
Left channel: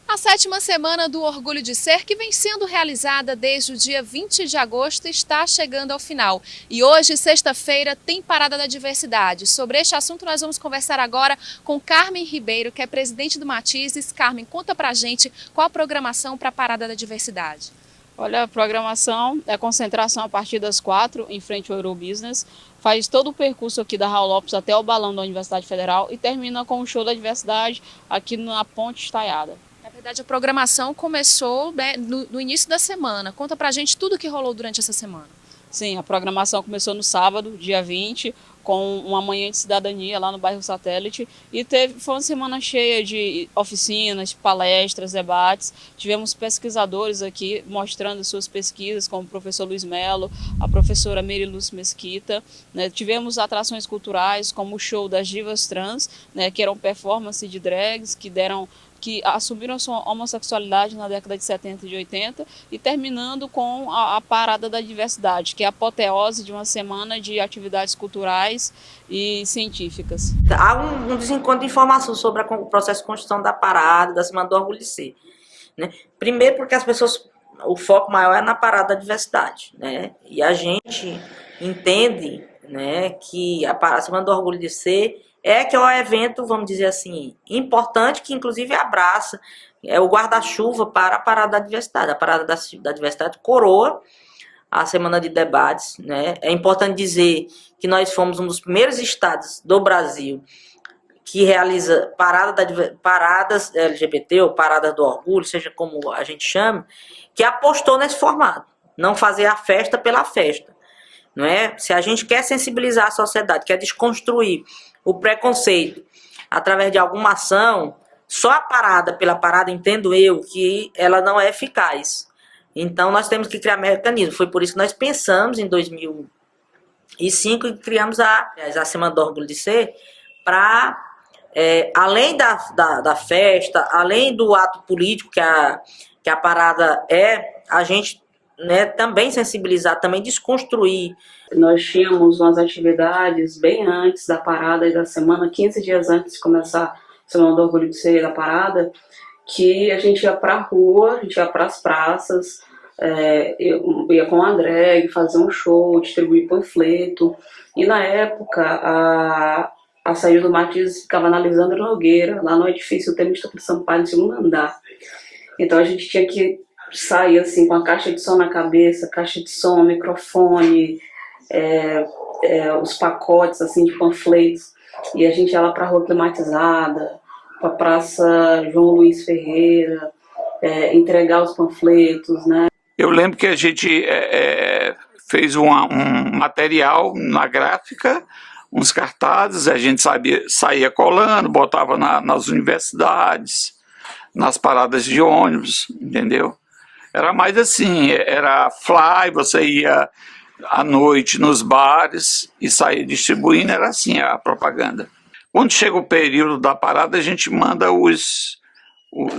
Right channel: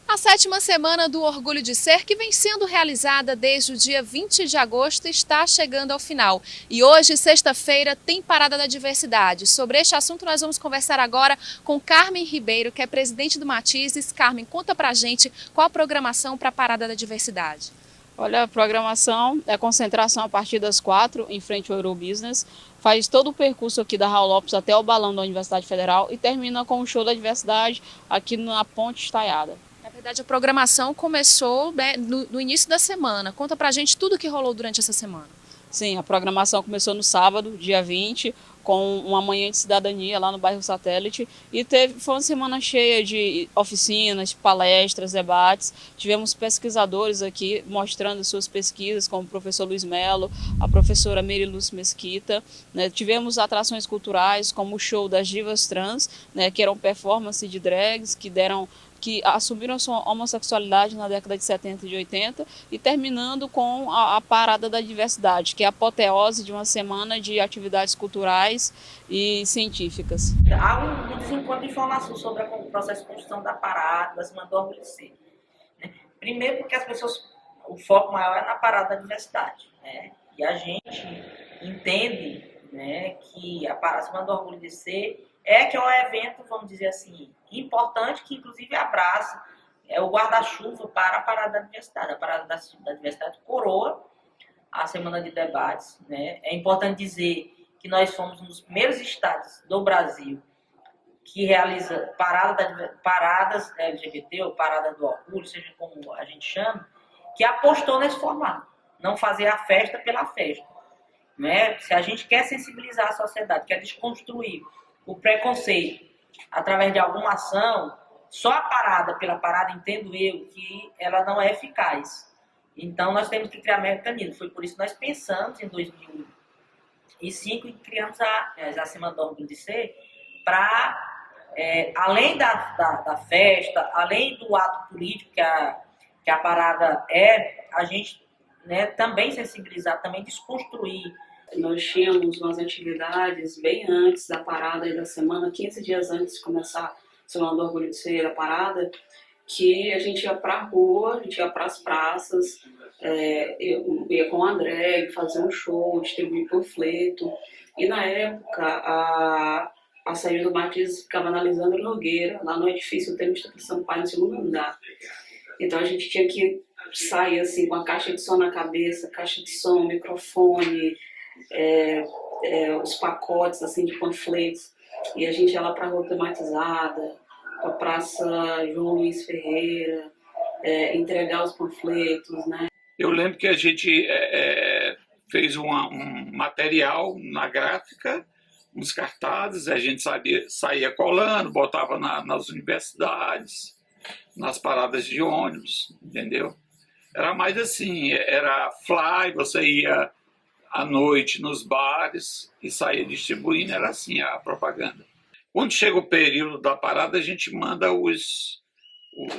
A 7ª Semana do Orgulho de Ser, que vem sendo realizada desde o dia 20 de agosto, está chegando ao final. E hoje, sexta-feira, tem Parada da Diversidade. Sobre este assunto, nós vamos conversar agora com Carmen Ribeiro, que é presidente do Matizes. Carmen, conta pra gente qual a programação para a Parada da Diversidade. Olha, a programação é concentração a partir das 4, em frente ao Eurobusiness. Faz todo o percurso aqui da Raul Lopes até o balão da Universidade Federal e termina com o show da diversidade aqui na Ponte Estaiada. Na verdade, a programação começou, né, no início da semana. Conta pra gente tudo o que rolou durante essa semana. Sim, a programação começou no sábado, dia 20, com uma manhã de cidadania lá no bairro Satélite. E foi uma semana cheia de oficinas, palestras, debates. Tivemos pesquisadores aqui mostrando suas pesquisas, como o professor Luiz Melo, a professora Meriluz Mesquita. Né? Tivemos atrações culturais, como o show das divas trans, né, que eram performances de drags, que assumiram sua homossexualidade na década de 70 e de 80, e terminando com a Parada da Diversidade, que é a apoteose de uma semana de atividades culturais e científicas. Há um desencontro de informação sobre o processo de construção da parada, da Semana do Orgulho de Ser, né? Primeiro porque as pessoas, o foco maior é na Parada da Diversidade, né? E a gente entende, né, que a Semana do Orgulho de Ser que é um evento, vamos dizer assim, importante, que inclusive abraça o guarda-chuva para a Parada da Diversidade. A Parada da Diversidade coroa a Semana de Debates, né? É importante dizer que nós fomos um dos primeiros estados do Brasil que realiza paradas LGBT ou paradas do orgulho, seja como a gente chama, que apostou nesse formato, não fazer a festa pela festa. Não é? Se a gente quer sensibilizar a sociedade, quer desconstruir o preconceito através de alguma ação, só a parada pela parada, entendo eu, que ela não é eficaz. Então nós temos que criar mecanismos. Foi por isso que nós pensamos em 2005 e criamos a Semana do Orgulho de Ser para, além da festa, além do ato político que a parada a gente, né, também sensibilizar, também desconstruir. Nós tínhamos umas atividades bem antes da parada e da semana, 15 dias antes de começar a Semana do Orgulho de Ser da parada, que a gente ia para a rua, a gente ia para as praças, ia com a drag, fazer um show, distribuir panfleto. E na época, a saída do Matizes ficava na Lisandro Nogueira, lá no edifício Temístocles de Sampaio, no segundo andar. Então a gente tinha que sair assim com a caixa de som na cabeça, caixa de som, microfone, os pacotes assim de panfletos, e a gente ia lá para a Rua Climatizada, para a Praça João Luiz Ferreira, entregar os panfletos, né? Eu lembro que a gente fez um material na gráfica, uns cartazes, a gente saía colando, botava nas universidades, nas paradas de ônibus, entendeu? Era mais assim, era fly, você ia à noite nos bares e saía distribuindo, era assim a propaganda. Quando chega o período da parada, a gente manda os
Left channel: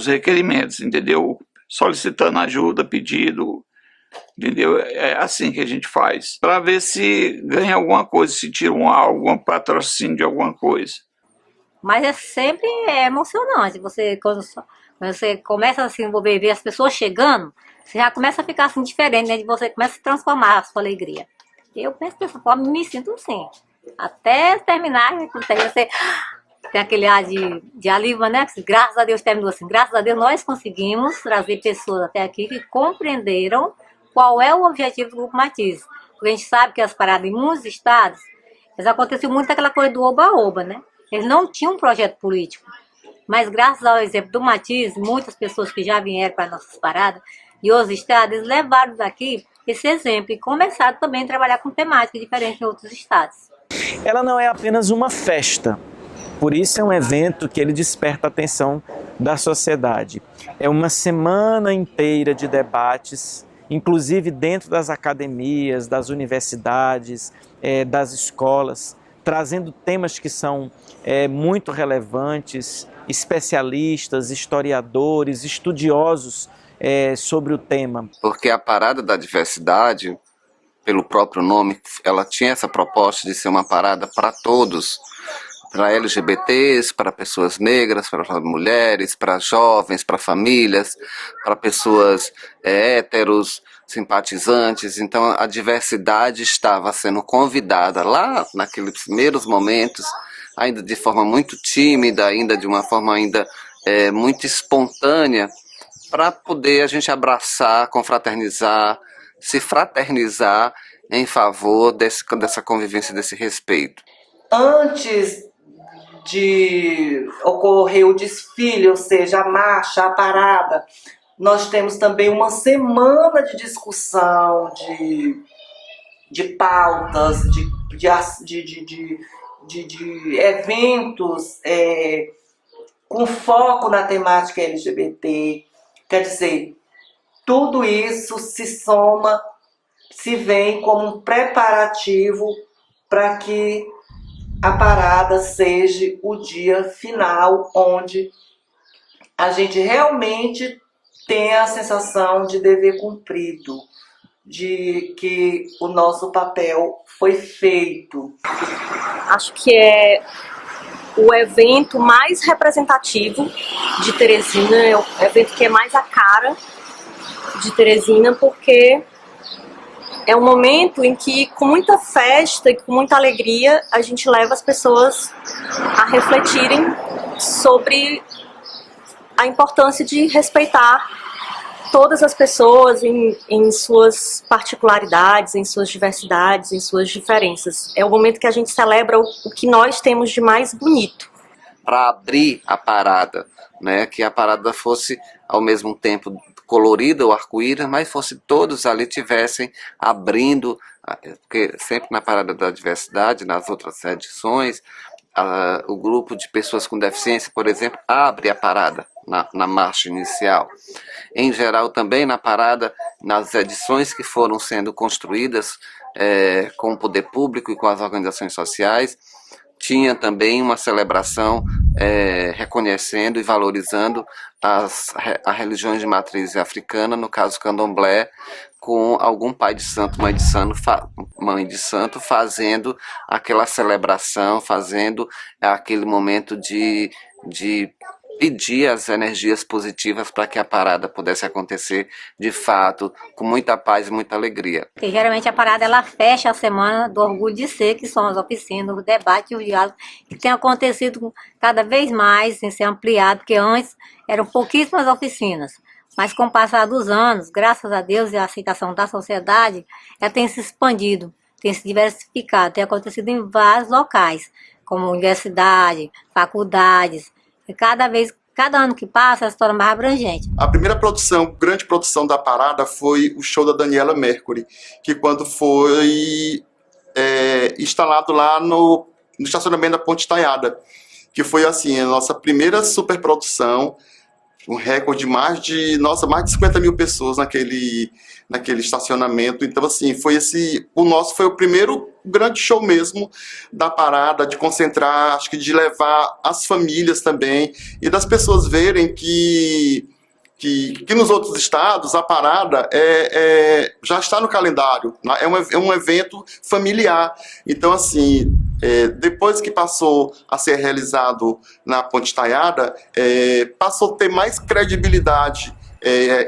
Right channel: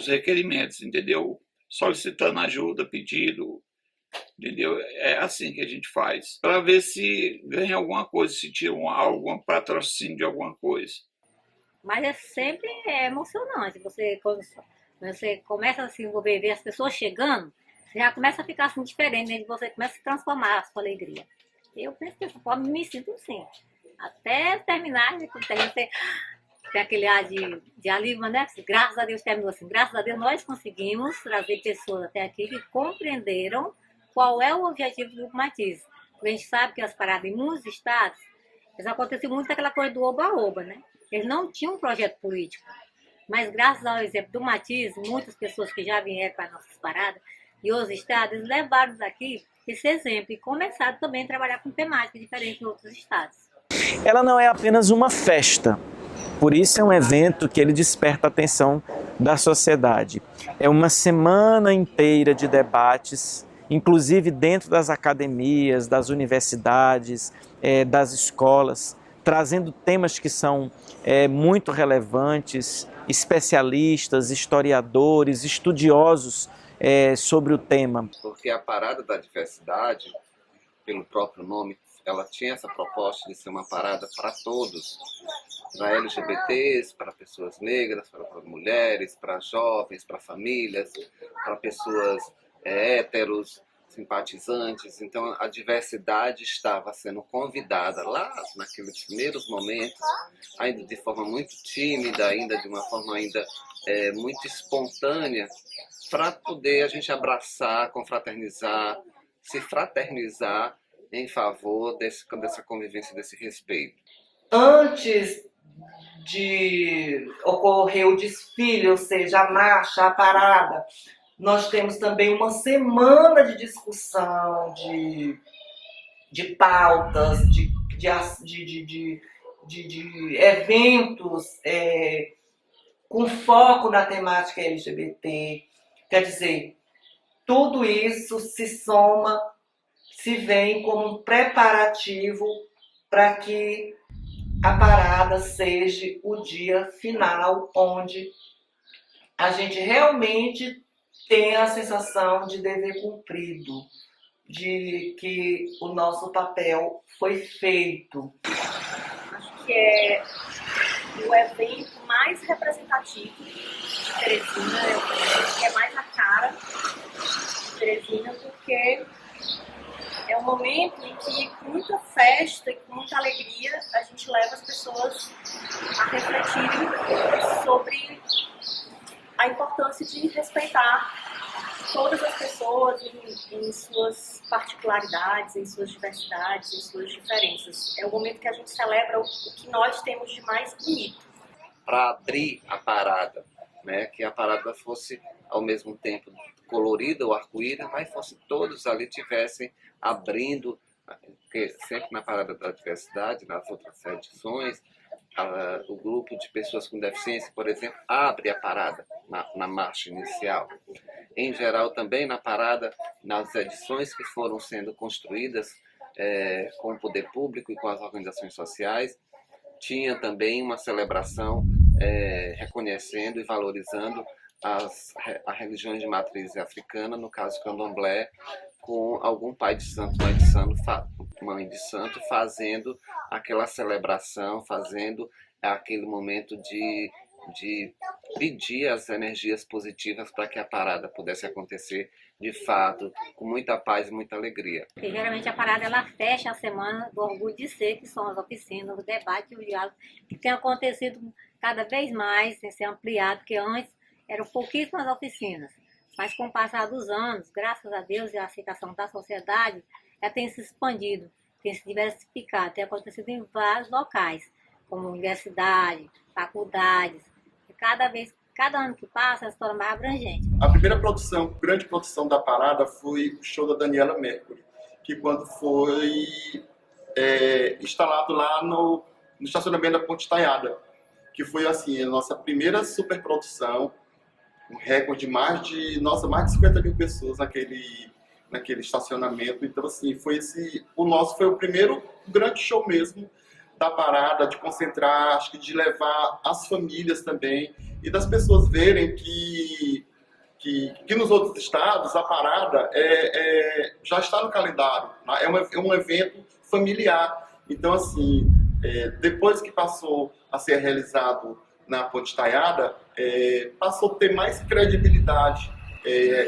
requerimentos, entendeu? Solicitando ajuda, pedido, entendeu? É assim que a gente faz, para ver se ganha alguma coisa, se tira algum patrocínio de alguma coisa. Mas é sempre emocionante, quando você começa a se envolver, ver as pessoas chegando, você já começa a ficar assim diferente, né? Você começa a se transformar a sua alegria. Eu penso dessa forma, me sinto assim. Até terminar, você tem aquele ar de alívio, né? Graças a Deus terminou assim. Graças a Deus nós conseguimos trazer pessoas até aqui que compreenderam qual é o objetivo do Grupo Matizes. Porque a gente sabe que as paradas em muitos estados, aconteceu muito aquela coisa do oba-oba, né? Eles não tinham um projeto político. Mas graças ao exemplo do Matizes, muitas pessoas que já vieram para nossas paradas e outros estados, eles levaram daqui esse exemplo e começaram também a trabalhar com temática diferente em outros estados. Ela não é apenas uma festa, por isso é um evento que ele desperta a atenção da sociedade. É uma semana inteira de debates, inclusive dentro das academias, das universidades, das escolas, trazendo temas que são muito relevantes, especialistas, historiadores, estudiosos sobre o tema. Porque a Parada da Diversidade, pelo próprio nome, ela tinha essa proposta de ser uma parada para todos, para LGBTs, para pessoas negras, para mulheres, para jovens, para famílias, para pessoas héteros, simpatizantes. Então a diversidade estava sendo convidada lá naqueles primeiros momentos, ainda de forma muito tímida, ainda de uma forma ainda muito espontânea, para poder a gente abraçar, confraternizar, se fraternizar em favor dessa convivência, desse respeito. Antes de ocorrer o desfile, ou seja, a marcha, a parada, nós temos também uma semana de discussão, de pautas, de eventos com foco na temática LGBT. Quer dizer, tudo isso se soma, se vem como um preparativo para que a parada seja o dia final, onde a gente realmente tenha a sensação de dever cumprido, de que o nosso papel foi feito. Acho que é o evento mais representativo de Teresina, é o evento que é mais a cara de Teresina, porque é um momento em que, com muita festa e com muita alegria, a gente leva as pessoas a refletirem sobre a importância de respeitar todas as pessoas em suas particularidades, em suas diversidades, em suas diferenças. É o momento que a gente celebra o que nós temos de mais bonito. Para abrir a parada, né? Que a parada fosse ao mesmo tempo colorida, o arco-íris, mas fosse todos ali tivessem abrindo, porque sempre na Parada da Diversidade, nas outras edições, o grupo de pessoas com deficiência, por exemplo, abre a parada na marcha inicial. Em geral, também na parada, nas edições que foram sendo construídas com o poder público e com as organizações sociais, tinha também uma celebração reconhecendo e valorizando as religiões de matriz africana, no caso candomblé, com algum pai de santo, mãe de santo, fazendo aquela celebração, fazendo aquele momento de pedir as energias positivas para que a parada pudesse acontecer de fato, com muita paz e muita alegria. Porque geralmente a parada ela fecha a semana do Orgulho de Ser, que são as oficinas, o debate e o diálogo, que tem acontecido cada vez mais, em ser ampliado, porque antes eram pouquíssimas oficinas. Mas com o passar dos anos, graças a Deus e a aceitação da sociedade, ela tem se expandido, tem se diversificado, tem acontecido em vários locais, como universidade, faculdades. E cada ano que passa, ela se torna mais abrangente. A primeira grande produção da parada foi o show da Daniela Mercury, que quando foi instalado lá no estacionamento da Ponte Estaiada, que foi assim a nossa primeira superprodução, um recorde de mais de 50 mil pessoas naquele estacionamento. Então, assim, o nosso foi o primeiro grande show mesmo da parada, de concentrar, acho que de levar as famílias também, e das pessoas verem que nos outros estados a parada já está no calendário, é um evento familiar. Então, assim, depois que passou a ser realizado na Ponte Taiada, passou a ter mais credibilidade,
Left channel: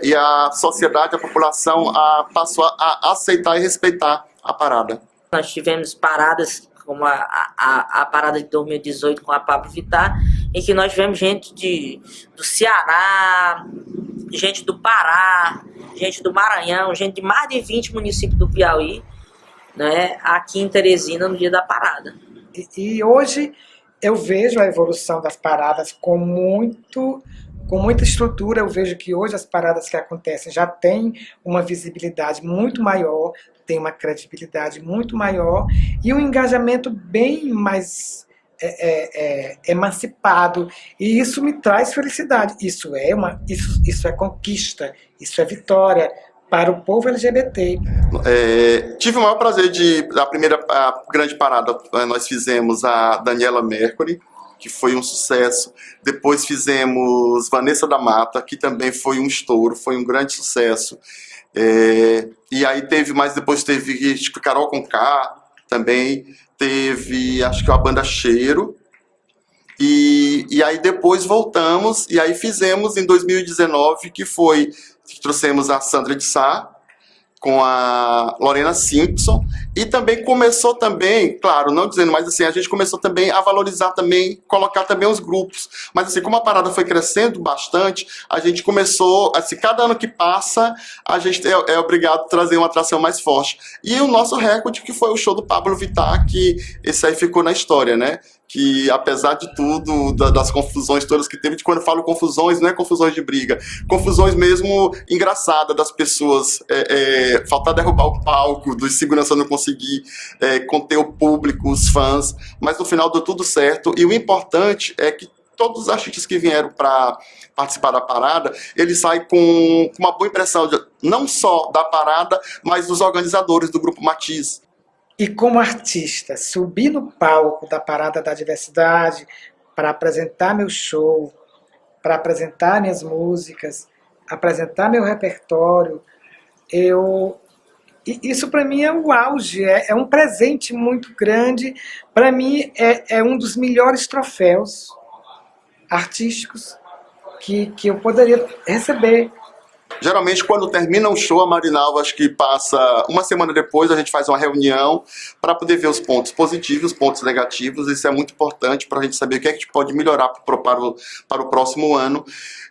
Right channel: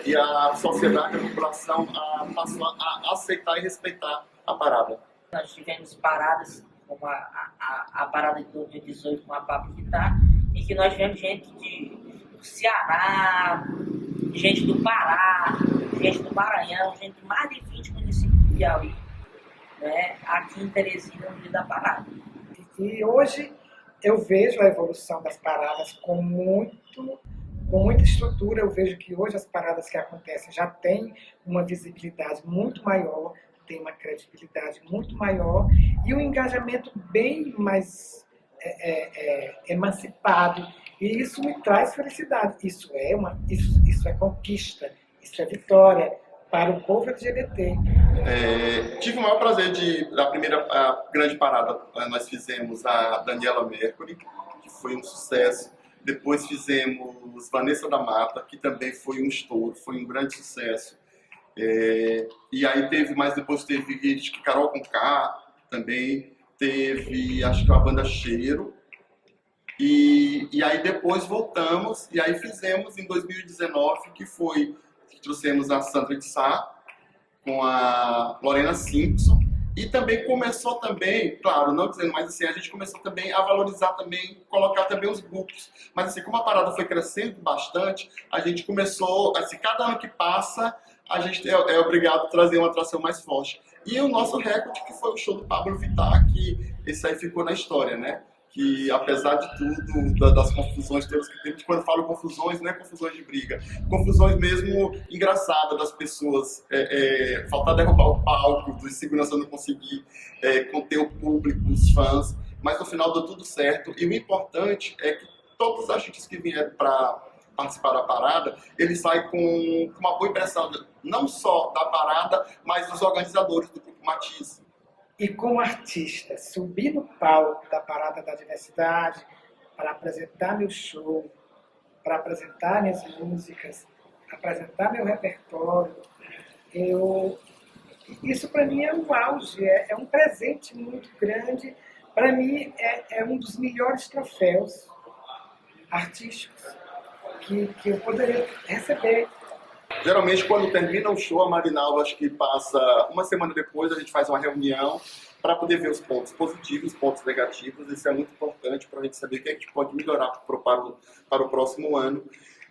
e a sociedade, a população passou a aceitar e respeitar a parada. Nós tivemos paradas como a parada de 2018 com a Pablo Vittar, em que nós tivemos gente do Ceará, gente do Pará, gente do Maranhão, gente de mais de 20 municípios do Piauí, né, aqui em Teresina no dia da parada. E hoje eu vejo a evolução das paradas com muita estrutura. Eu vejo que hoje as paradas que acontecem já têm uma visibilidade muito maior, tem uma credibilidade muito maior e um engajamento bem mais emancipado. E isso me traz felicidade. Isso é conquista, isso é vitória para o povo LGBT. Tive o maior prazer a primeira grande parada nós fizemos a Daniela Mercury, que foi um sucesso. Depois fizemos Vanessa da Mata, que também foi um estouro, foi um grande sucesso. E aí depois teve Carol Conká, também teve, acho que a banda Cheiro. E aí depois voltamos, e aí fizemos em 2019, que trouxemos a Sandra de Sá, com a Lorena Simpson, e também começou também, claro, não dizendo, mas assim, a gente começou também a valorizar também, colocar também os grupos. Mas assim, como a parada foi crescendo bastante, a gente começou, assim, cada ano que passa, a gente é obrigado a trazer uma atração mais forte. E o nosso recorde, que foi o show do Pablo Vittar, que esse aí ficou na história, né? Que apesar de tudo, das confusões todas que teve, quando eu falo confusões, não é confusões de briga, confusões mesmo engraçadas das pessoas, faltar derrubar o palco, dos segurança não conseguir conter o público, os fãs, mas no final deu tudo certo. E o importante é que todos os artistas que vieram para participar da parada, eles saem com uma boa impressão, não só da parada, mas dos organizadores do Grupo Matiz. E como artista, subir no palco da Parada da Diversidade para apresentar meu show, para apresentar minhas músicas, apresentar meu repertório, isso para mim é o auge, é um presente muito grande. Para mim é um dos melhores troféus artísticos que eu poderia receber. Geralmente, quando termina um show, a Marinalva, acho que passa uma semana depois, a gente faz uma reunião para poder ver os pontos positivos, os pontos negativos. Isso é muito importante para a gente saber o que a gente pode melhorar para o próximo ano.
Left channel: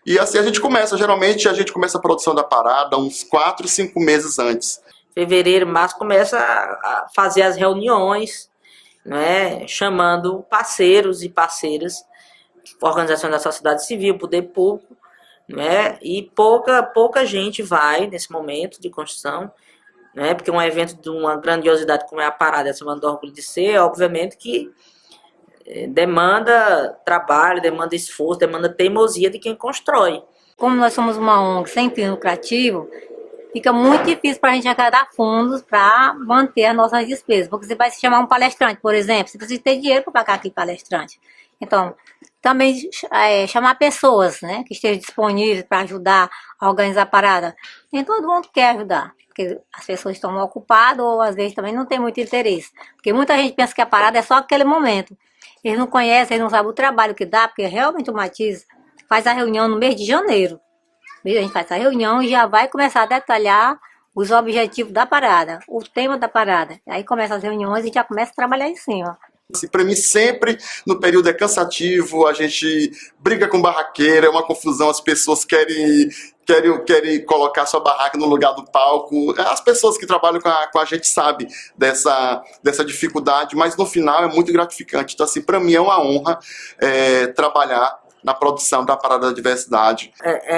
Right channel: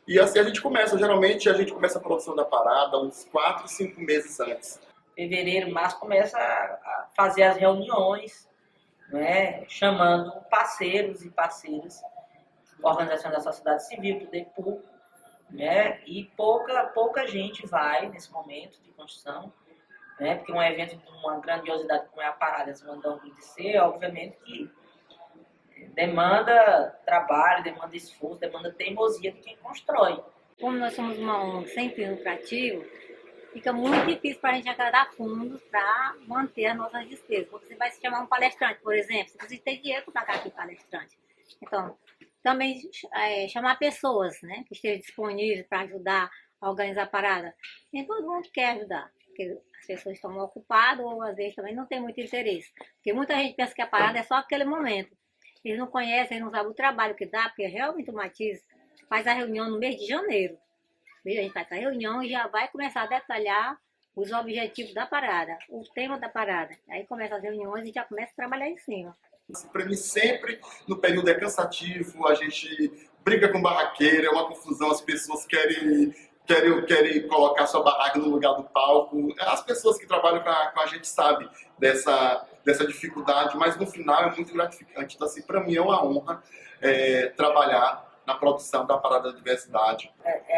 E assim a gente começa, geralmente a gente começa a produção da parada uns 4, 5 meses antes. Fevereiro, março, começa a fazer as reuniões, né, chamando parceiros e parceiras, organizações da sociedade civil, poder público, né? E pouca gente vai nesse momento de construção, né? Porque um evento de uma grandiosidade como é a parada, a Semana do Orgulho de Ser, obviamente que demanda trabalho, demanda esforço, demanda teimosia de quem constrói. Como nós somos uma ONG sem fim lucrativo, fica muito difícil para a gente arrecadar fundos para manter as nossas despesas. Porque você vai se chamar um palestrante, por exemplo, você precisa ter dinheiro para pagar aquele palestrante. Então, também chamar pessoas, né, que estejam disponíveis para ajudar a organizar a parada. Nem todo mundo quer ajudar, porque as pessoas estão ocupadas ou às vezes também não tem muito interesse. Porque muita gente pensa que a parada é só aquele momento. Eles não conhecem, eles não sabem o trabalho que dá, porque realmente o Matiz faz a reunião no mês de janeiro. A gente faz a reunião e já vai começar a detalhar os objetivos da parada, o tema da parada. Aí começa as reuniões e já começa a trabalhar em cima. Para mim, sempre no período é cansativo, a gente briga com barraqueira, é uma confusão, as pessoas querem colocar sua barraca no lugar do palco. As pessoas que trabalham com a gente sabem dessa dificuldade, mas no final é muito gratificante. Então, assim, para mim é uma honra trabalhar na produção da Parada da Diversidade.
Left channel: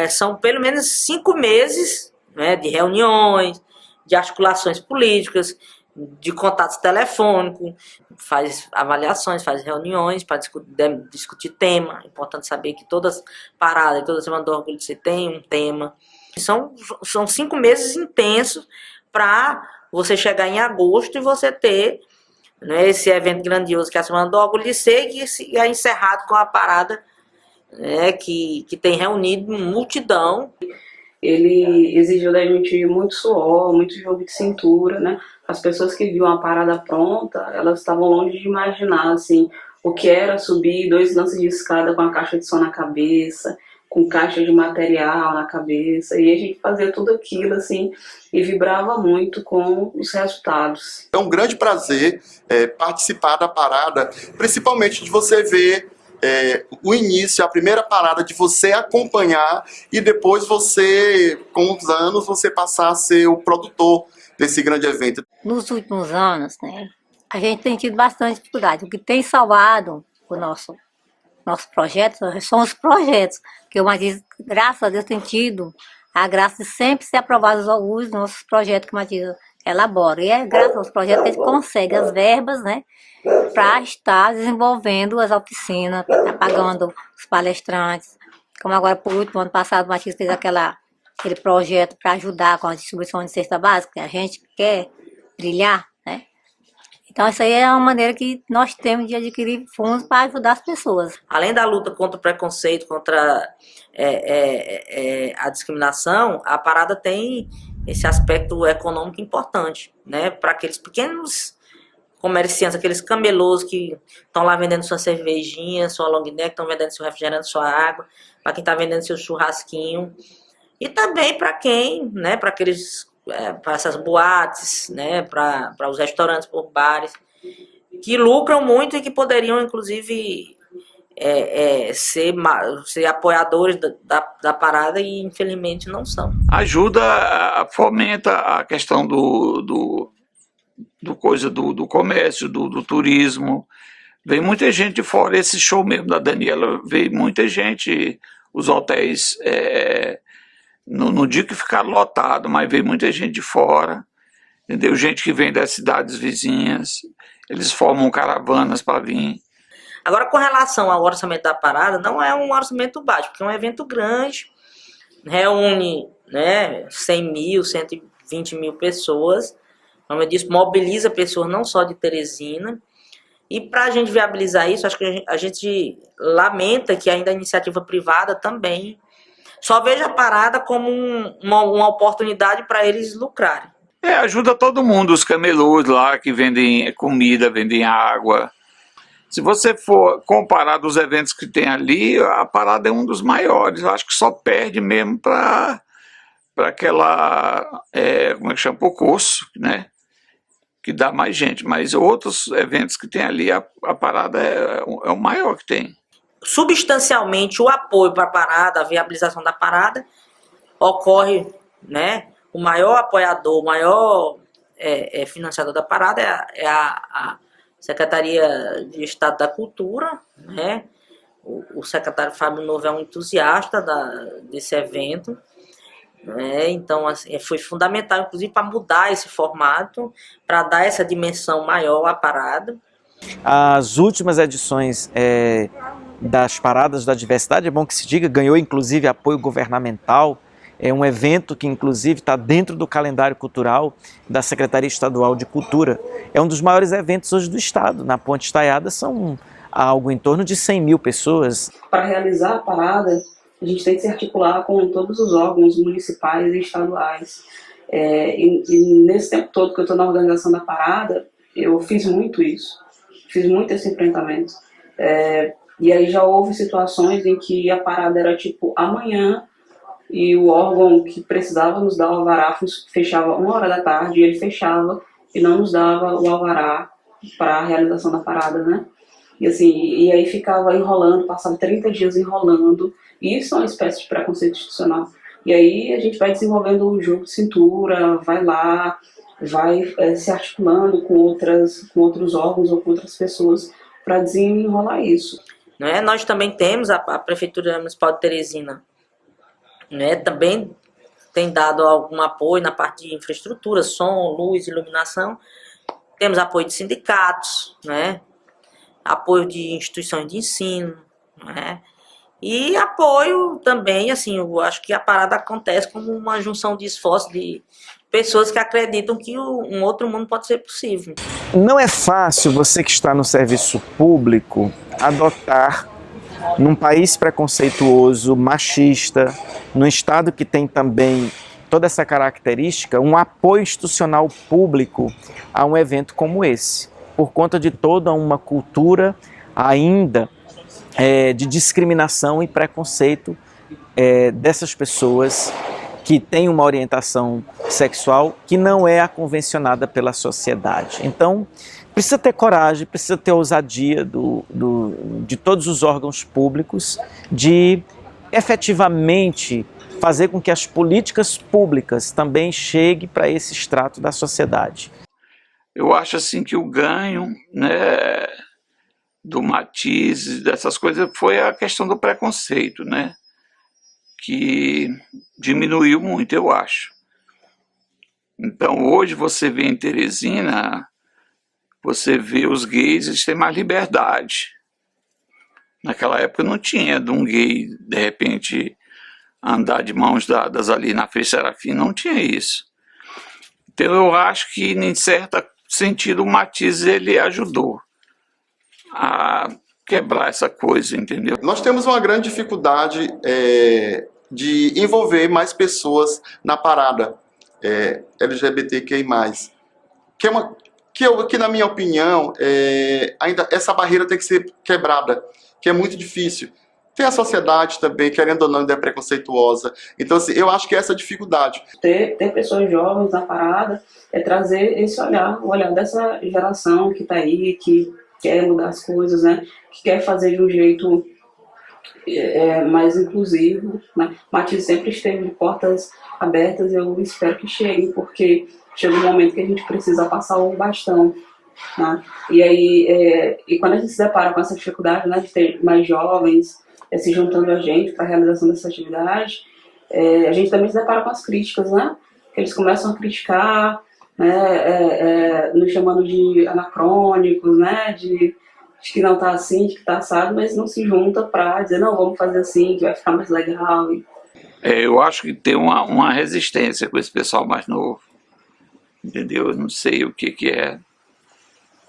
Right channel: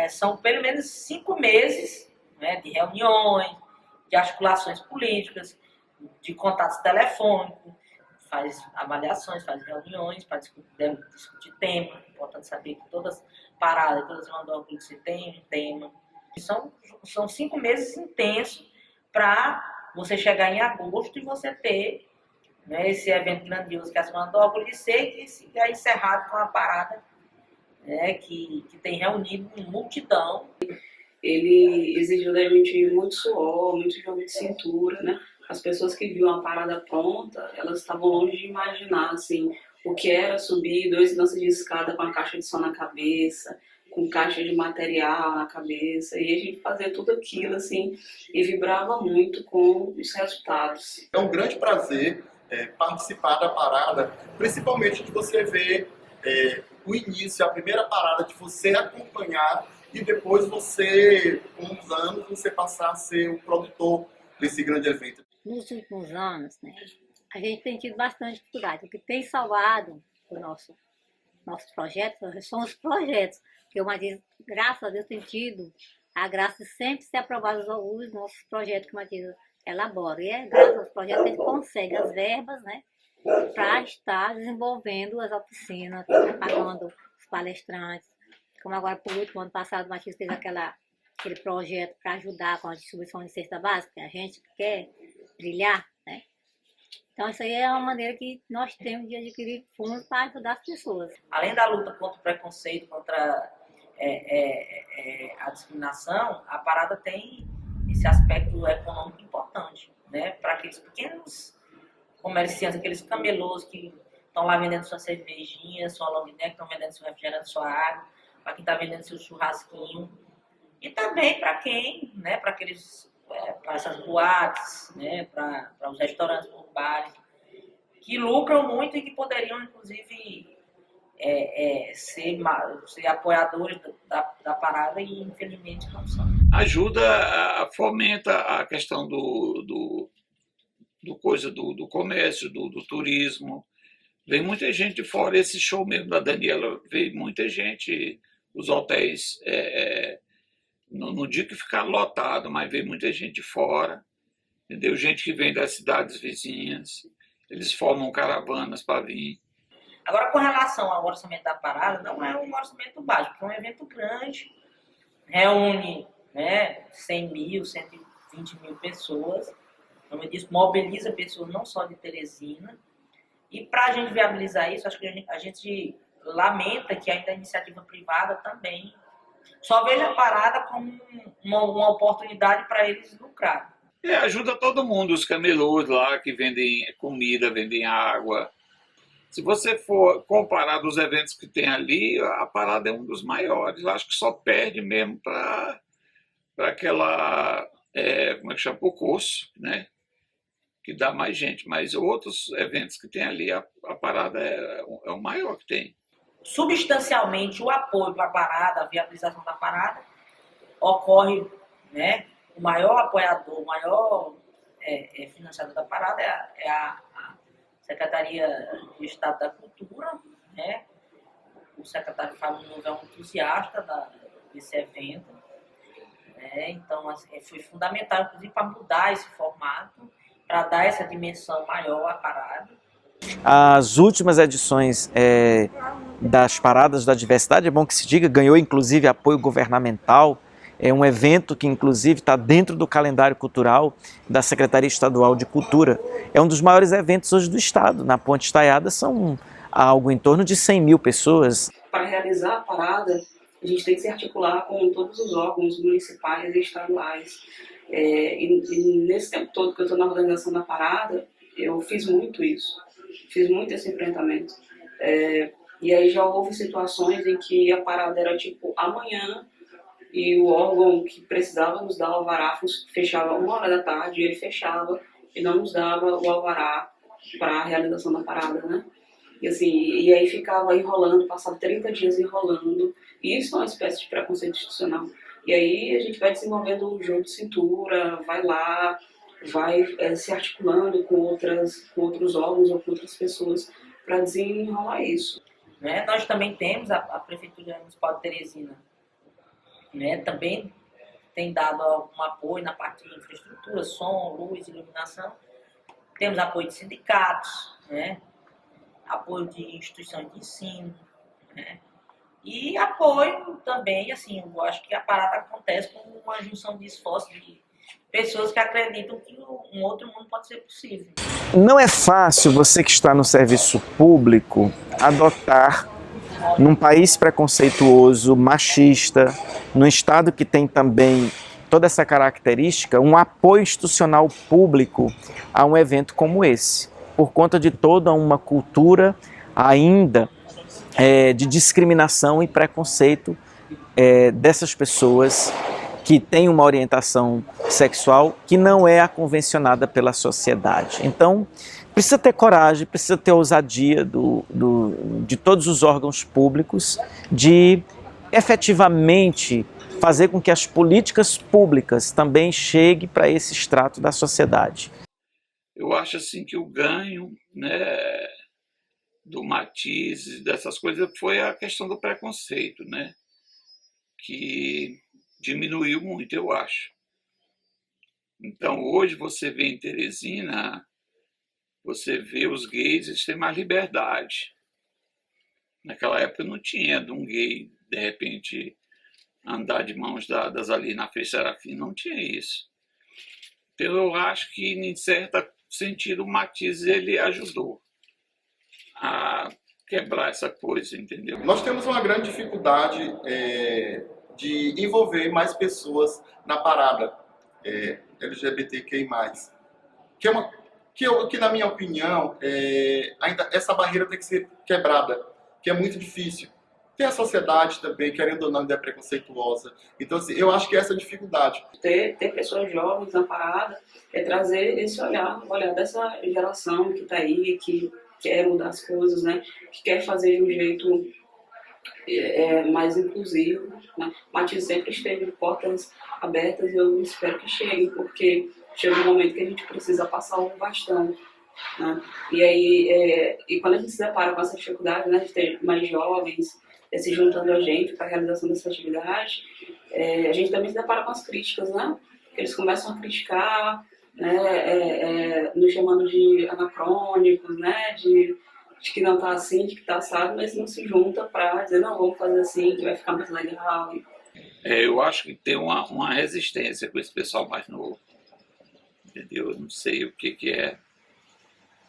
São pelo menos 5 meses, né, de reuniões, de articulações políticas, de contatos telefônicos, faz avaliações, faz reuniões para discutir tema. É importante saber que todas paradas e toda Semana do Orgulho você tem um tema. São 5 meses intensos para você chegar em agosto e você ter, né, esse evento grandioso que é a Semana do Orgulho de Ser, que é encerrado com a parada, né, que tem reunido multidão. Ele exigiu da gente muito suor, muito jogo de cintura, né? As pessoas que viam a parada pronta, elas estavam longe de imaginar, assim, o que era subir 2 lances de escada com a caixa de som na cabeça, com caixa de material na cabeça, e a gente fazia tudo aquilo, assim, e vibrava muito com os resultados. É um grande prazer participar da parada, principalmente de você ver o início, a primeira parada, de você acompanhar e depois você, com os anos, você passar a ser o produtor desse grande evento. Nos últimos anos, né, a gente tem tido bastante dificuldade. O que tem salvado o nosso projeto são os projetos, que o Matias, graças a Deus, tem tido a graça de sempre ser aprovados os nossos projetos que o Matias elabora. E é graças aos projetos que a gente consegue as verbas, né, para estar desenvolvendo as oficinas, pagando os palestrantes. Como agora, por último, ano passado, o Matias fez aquele projeto para ajudar com a distribuição de cesta básica, que a gente quer brilhar, né? Então, isso aí é uma maneira que nós temos de adquirir fundos para ajudar as pessoas. Além da luta contra o preconceito, contra a discriminação, a parada tem esse aspecto econômico importante, né? Para aqueles pequenos comerciantes, aqueles camelôs que estão lá vendendo sua cervejinha, sua long neck, estão vendendo seu refrigerante, sua água, para quem está vendendo seu churrasquinho. E também para quem, né, para aqueles, para essas boates, né, para os restaurantes por bares, que lucram muito e que poderiam, inclusive, ser apoiadores da parada e, infelizmente, não são. Ajuda, fomenta a questão do comércio, do turismo. Vem muita gente de fora. Esse show mesmo da Daniela, veio muita gente, os hotéis... Não digo que ficaram lotados, mas veio muita gente de fora, entendeu? Gente que vem das cidades vizinhas, eles formam caravanas para vir. Agora, com relação ao orçamento da parada, não é um orçamento baixo, porque é um evento grande, reúne, né, 100 mil, 120 mil pessoas, como eu disse, mobiliza pessoas não só de Teresina, e para a gente viabilizar isso, acho que a gente lamenta que ainda a iniciativa privada também só veja a parada como uma oportunidade para eles lucrarem. Ajuda todo mundo, os camelôs lá que vendem comida, vendem água. Se você for comparar dos eventos que tem ali, a parada é um dos maiores. Eu acho que só perde mesmo para aquela, como é que chama, Pocosso, né? Que dá mais gente. Mas outros eventos que tem ali, a parada é o maior que tem. Substancialmente, o apoio para a parada, a viabilização da parada, ocorre, né? O maior apoiador, o maior financiador da parada é a Secretaria de Estado da Cultura, né? O secretário Fábio Novo é um entusiasta desse evento, né? Então, assim, foi fundamental, inclusive, para mudar esse formato, para dar essa dimensão maior à parada. As últimas edições das Paradas da Diversidade, é bom que se diga, ganhou inclusive apoio governamental. É um evento que inclusive está dentro do calendário cultural da Secretaria Estadual de Cultura. É um dos maiores eventos hoje do estado. Na Ponte Estaiada são algo em torno de 100 mil pessoas. Para realizar a parada, a gente tem que se articular com todos os órgãos municipais e estaduais. E nesse tempo todo que eu estou na organização da parada, eu fiz muito isso. Fiz muito esse enfrentamento. E aí já houve situações em que a parada era tipo amanhã e o órgão que precisava nos dar o alvará fechava 1h da tarde, e ele fechava e não nos dava o alvará para a realização da parada, né? E assim, e aí ficava enrolando, passava 30 dias enrolando, e isso é uma espécie de preconceito institucional. E aí a gente vai desenvolvendo um jogo de cintura, vai lá, vai se articulando com outros órgãos ou com outras pessoas para desenrolar isso. Né? Nós também temos a Prefeitura Municipal de Teresina, né? Também tem dado algum apoio na parte de infraestrutura, som, luz, iluminação, temos apoio de sindicatos, né? Apoio de instituições de ensino, né? E apoio também, assim, eu acho que a parada acontece como uma junção de esforços de pessoas que acreditam que um outro mundo pode ser possível. Não é fácil você que está no serviço público adotar, num país preconceituoso, machista, num estado que tem também toda essa característica, um apoio institucional público a um evento como esse, por conta de toda uma cultura ainda de discriminação e preconceito dessas pessoas que têm uma orientação sexual que não é a convencionada pela sociedade. Então, precisa ter coragem, precisa ter ousadia de todos os órgãos públicos de efetivamente fazer com que as políticas públicas também cheguem para esse extrato da sociedade. Eu acho assim que o ganho, né, do Matizes, dessas coisas, foi a questão do preconceito, né, que diminuiu muito, eu acho. Então, hoje você vê em Teresina, você vê os gays, eles têm mais liberdade. Naquela época não tinha de um gay, de repente, andar de mãos dadas ali na Frei Serafim, não tinha isso. Então eu acho que, em certo sentido, o Matizes ele ajudou a quebrar essa coisa, entendeu? Nós temos uma grande dificuldade de envolver mais pessoas na parada LGBTQI+. Que na minha opinião, ainda essa barreira tem que ser quebrada, que é muito difícil. Tem a sociedade também, querendo ou não, ainda é preconceituosa. Então, assim, eu acho que é essa dificuldade. Ter pessoas jovens na parada é trazer esse olhar, o olhar dessa geração que está aí, que quer mudar as coisas, né? Que quer fazer de um jeito mais inclusivo, né? Matizes sempre esteve de portas abertas e eu espero que chegue, porque chega um momento que a gente precisa passar o bastão, né? E aí, e quando a gente se depara com essa dificuldade, né, de ter mais jovens se juntando a gente para a realização dessa atividade, a gente também se depara com as críticas, né? Eles começam a criticar, né, nos chamando de anacrônicos, né, de que não está assim, de que está assado, mas não se junta para dizer, não, vamos fazer assim, que vai ficar mais legal. Eu acho que tem uma resistência com esse pessoal mais novo, entendeu? Eu não sei o que é.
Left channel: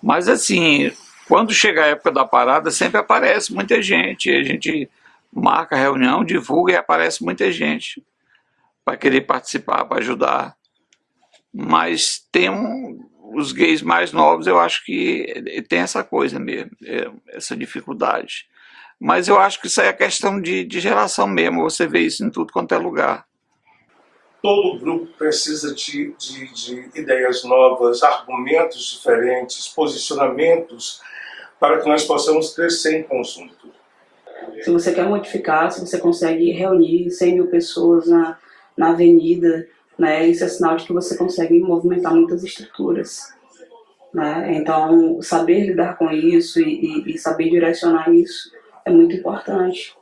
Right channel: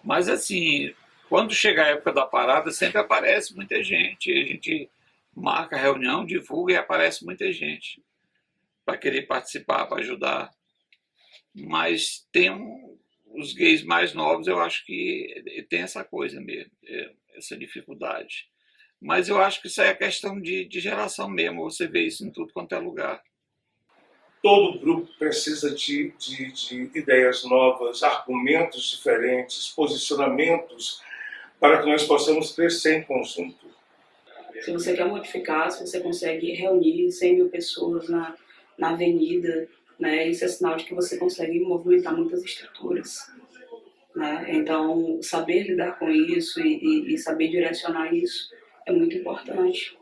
Mas assim, quando chega a época da parada, sempre aparece muita gente. A gente marca a reunião, divulga e aparece muita gente para querer participar, para ajudar. Mas tem os gays mais novos, eu acho que tem essa coisa mesmo, essa dificuldade. Mas eu acho que isso aí é questão de geração mesmo, você vê isso em tudo quanto é lugar. Todo grupo precisa de ideias novas, argumentos diferentes, posicionamentos, para que nós possamos crescer em conjunto. Se você quer modificar, se você consegue reunir 100 mil pessoas na avenida, né, isso é sinal de que você consegue movimentar muitas estruturas, né? Então, saber lidar com isso e saber direcionar isso é muito importante,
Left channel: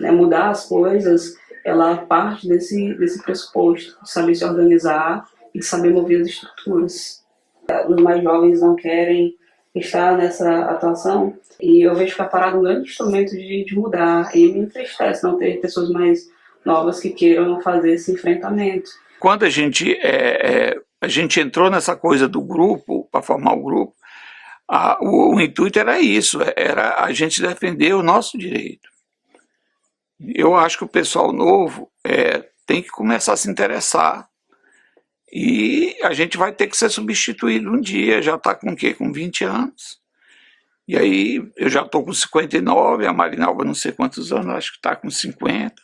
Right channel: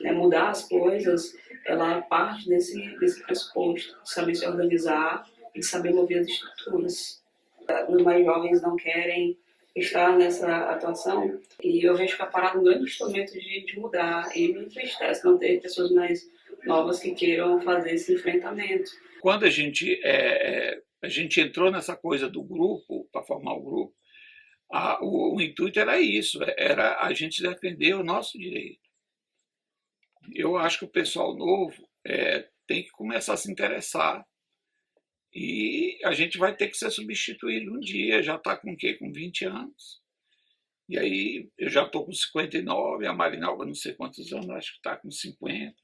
né? Mudar as coisas, ela parte desse pressuposto, de saber se organizar e de saber mover as estruturas. Os mais jovens não querem estar nessa atuação e eu vejo que a parada é um grande instrumento de mudar, e me entristece não ter pessoas mais novas que queiram fazer esse enfrentamento. Quando a gente entrou nessa coisa do grupo, para formar o grupo, o intuito era isso, era a gente defender o nosso direito. Eu acho que o pessoal novo tem que começar a se interessar e a gente vai ter que ser substituído um dia. Já está com o quê? Com 20 anos. E aí eu já estou com 59, a Marinalva não sei quantos anos, acho que está com 50.